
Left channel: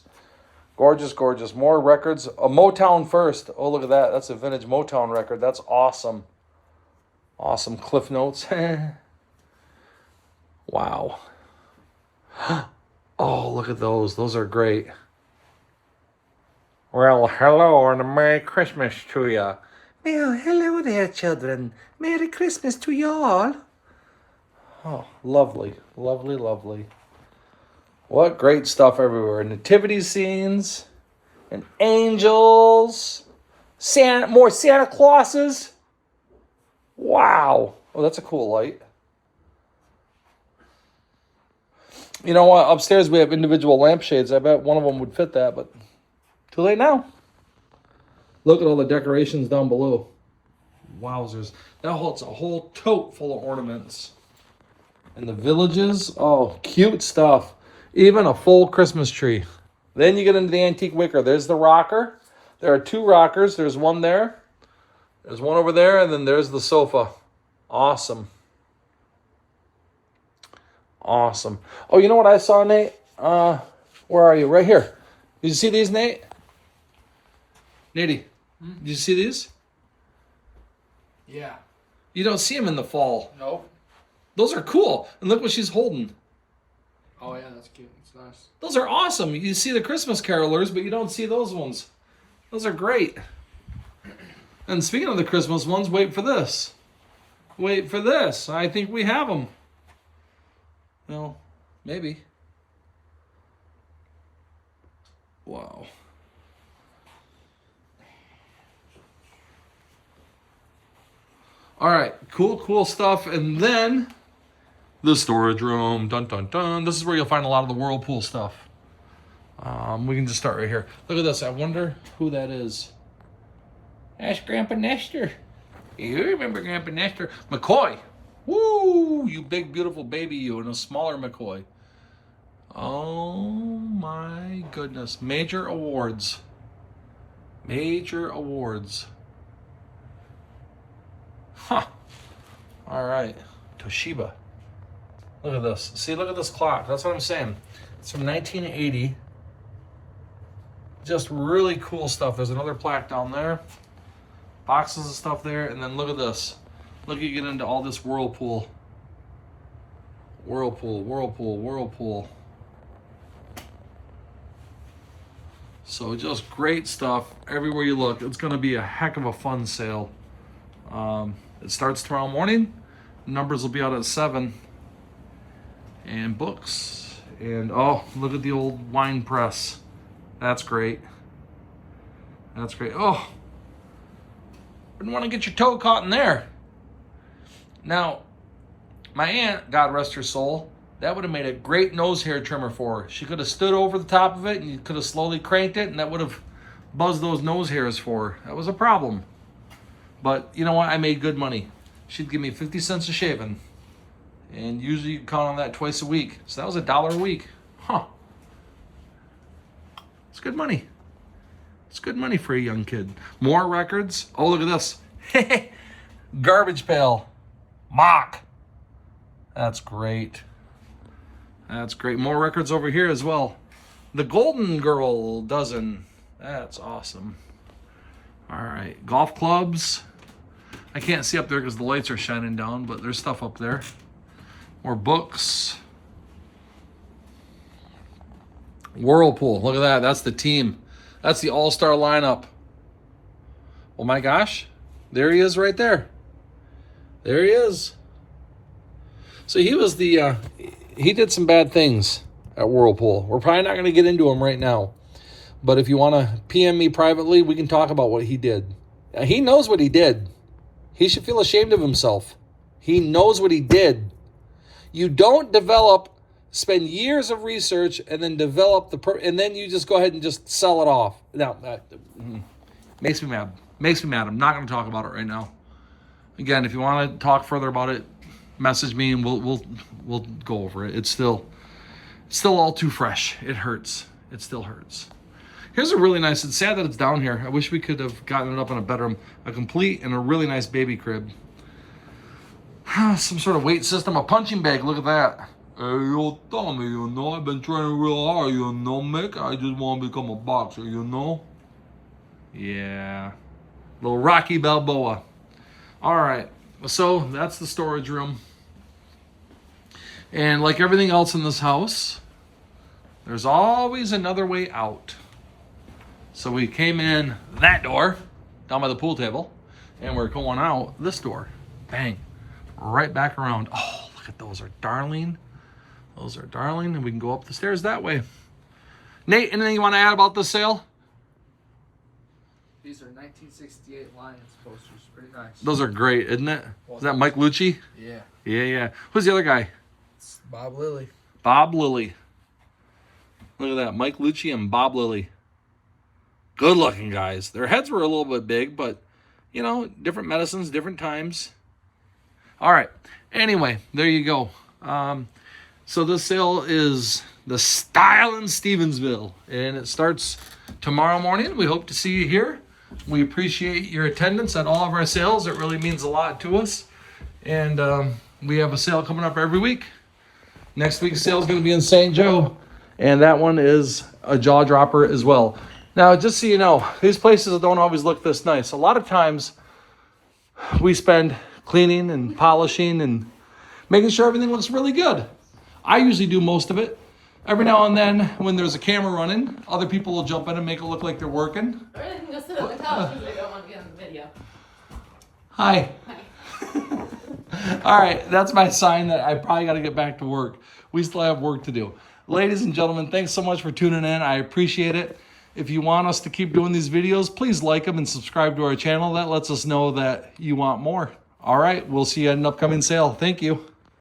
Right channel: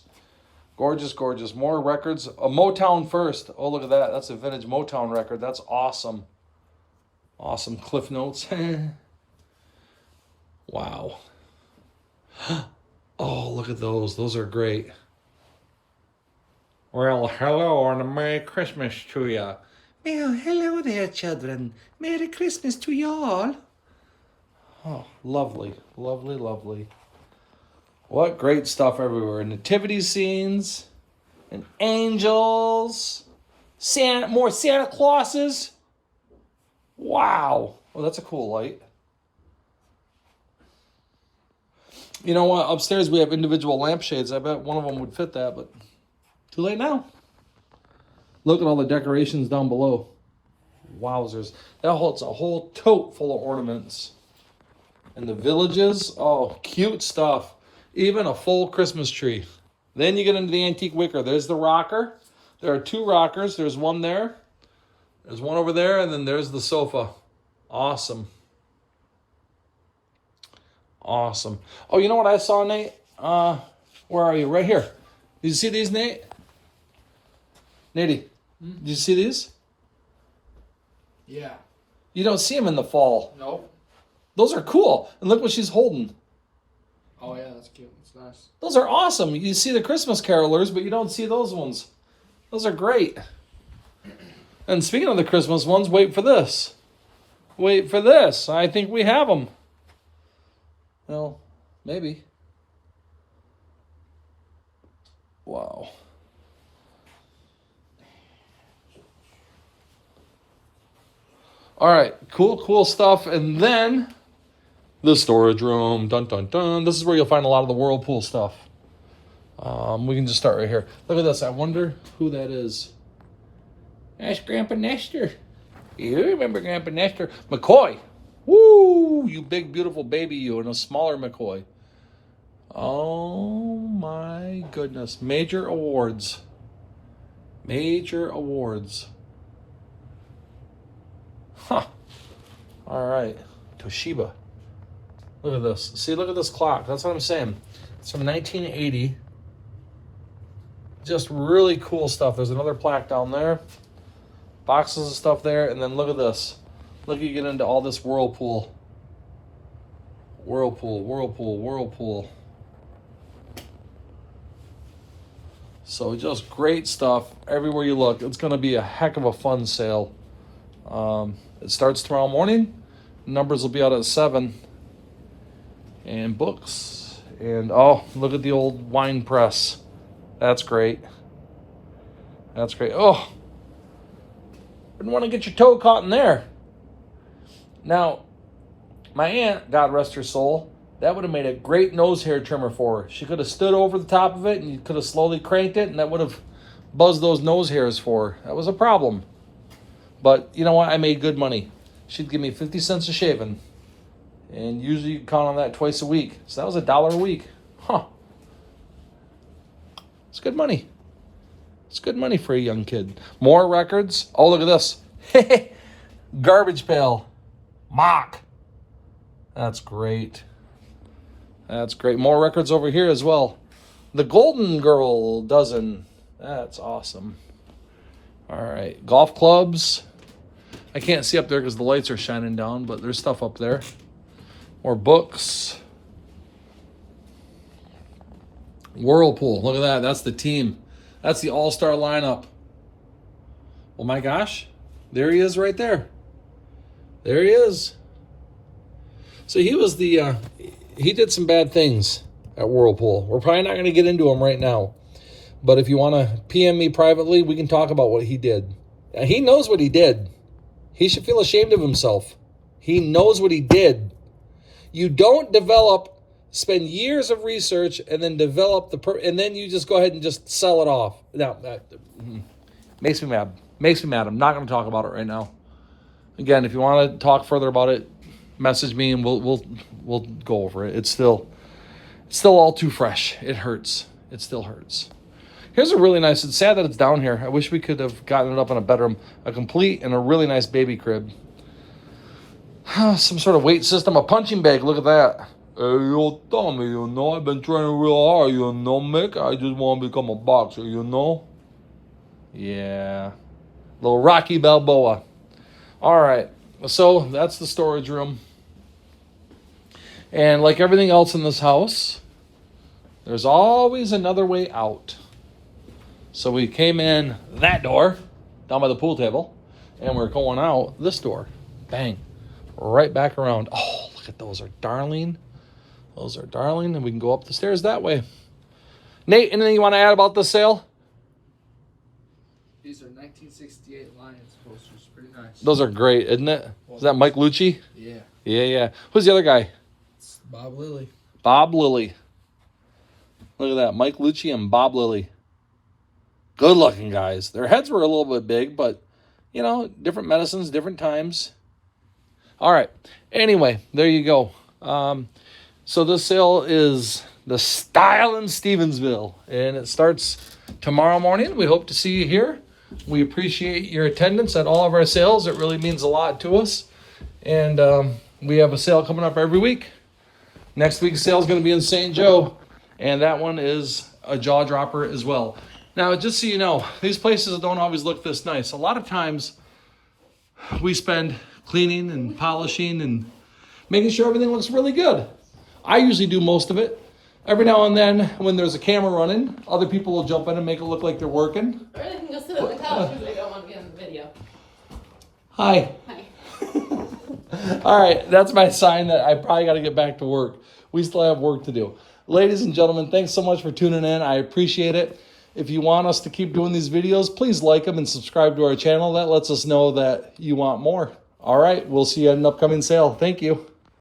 Gorgeous, gorgeous. More records. A Motown first. Oh, look at that. That's a vintage Motown record. That's awesome. Awesome. Cliff Notes. Wow. Oh, look at those. Those are great. Well, hello and a Merry Christmas to you. Well, hello there, children. Merry Christmas to you all. Oh, lovely, lovely, lovely. What great stuff everywhere. Nativity scenes and angels. More Santa Clauses. Wow. Oh, that's a cool light. You know what? Upstairs we have individual lampshades. I bet one of them would fit that, but too late now. Look at all the decorations down below. Wowzers. It's a whole tote full of ornaments. And the villages, oh, cute stuff. Even a full Christmas tree. Then you get into the antique wicker. There's the rocker. There are 2 rockers. There's one there. There's one over there, and then there's the sofa. Awesome. Awesome. Oh, you know what I saw, Nate? Where are you? Right here. Did you see these, Nate? Nate, did you see these? Yeah. You don't see them in the fall. Nope. Those are cool. And look what she's holding. Oh yeah, that's cute. It's nice. Those are awesome. You see the Christmas carolers, but you don't see those ones. Those are great. And speaking of the Christmas ones, wait for this. Wait for this. I think we have them. Well, maybe. Wow. All right, cool stuff. And then the storage room. Dun, dun, dun. This is where you'll find a lot of the Whirlpool stuff. We can just start right here. Look at this. I wonder who that is. Ask Grandpa Nestor. You remember Grandpa Nestor. McCoy. Woo! You big, beautiful baby, you, and a smaller McCoy. Oh, my goodness. Major awards. Major awards. Huh. All right. Toshiba. Look at this. See, look at this clock. That's what I'm saying. It's from 1980. Just really cool stuff. There's another plaque down there. Boxes of stuff there. And then look at this. Look, you get into all this Whirlpool. Whirlpool. So just great stuff everywhere you look. It's going to be a heck of a fun sale. It starts tomorrow morning. Numbers will be out at 7. And books. And oh, look at the old wine press. That's great. That's great. Oh, wouldn't want to get your toe caught in there. Now, my aunt, God rest her soul, that would have made a great nose hair trimmer for her. She could have stood over the top of it and you could have slowly cranked it and that would have buzzed those nose hairs for her. That was a problem. But you know what? I made good money. She'd give me 50 cents a shaving. And usually you count on that twice a week. So that was $1 a week. Huh. It's good money. It's good money for a young kid. More records. Oh, look at this. Garbage pail. Mock. That's great. That's great. More records over here as well. The Golden Girl dozen. That's awesome. All right. Golf clubs. I can't see up there because the lights are shining down, but there's stuff up there. More books. Whirlpool. Look at that. That's the team. That's the all-star lineup. Oh my gosh. There he is right there. There he is. So he was he did some bad things at Whirlpool. We're probably not going to get into them right now. But if you want to PM me privately, we can talk about what he did. Now, he knows what he did. He should feel ashamed of himself. He knows what he did. You don't spend years of research and then develop and then you just go ahead and just sell it off. Now, that makes me mad. Makes me mad. I'm not going to talk about it right now. Again, if you want to talk further about it, message me and we'll go over it. It's still all too fresh. It hurts. It still hurts. Here's a really nice. It's sad that it's down here. I wish we could have gotten it up in a bedroom, a complete and a really nice baby crib. Some sort of weight system, a punching bag. Look at that. Hey, yo, Tommy, I've been training real hard, Mick. I just want to become a boxer, Yeah. Little Rocky Balboa. All right. So that's the storage room. And like everything else in this house, there's always another way out. So we came in that door, down by the pool table, and we're going out this door. Bang. Right back around. Oh, look at those, are darling. Those are darling, and we can go up the stairs that way. Nate, anything you want to add about this sale? These are 1968 Lions posters. Pretty nice. Those are great, isn't it? Is that Mike Lucci? Yeah. Yeah. Who's the other guy? It's Bob Lilly. Bob Lilly. Look at that, Mike Lucci and Bob Lilly. Good looking guys. Their heads were a little bit big, but, you know, different medicines, different times. All right. Anyway, there you go. So this sale is the Style in Stevensville, and it starts tomorrow morning. We hope to see you here. We appreciate your attendance at all of our sales. It really means a lot to us. And we have a sale coming up every week. Next week's sale is going to be in St. Joe, and that one is a jaw dropper as well. Now, just so you know, these places don't always look this nice. A lot of times we spend cleaning and polishing and making sure everything looks really good. I usually do most of it. Every now and then, when there's a camera running, other people will jump in and make it look like they're working. Or they can go sit at the couch because they don't want to be on the video. Hi. All right, that's my sign that I probably got to get back to work. We still have work to do. Ladies and gentlemen, thanks so much for tuning in. I appreciate it. If you want us to keep doing these videos, please like them and subscribe to our channel. That lets us know that you want more. All right, we'll see you at an upcoming sale. Thank you.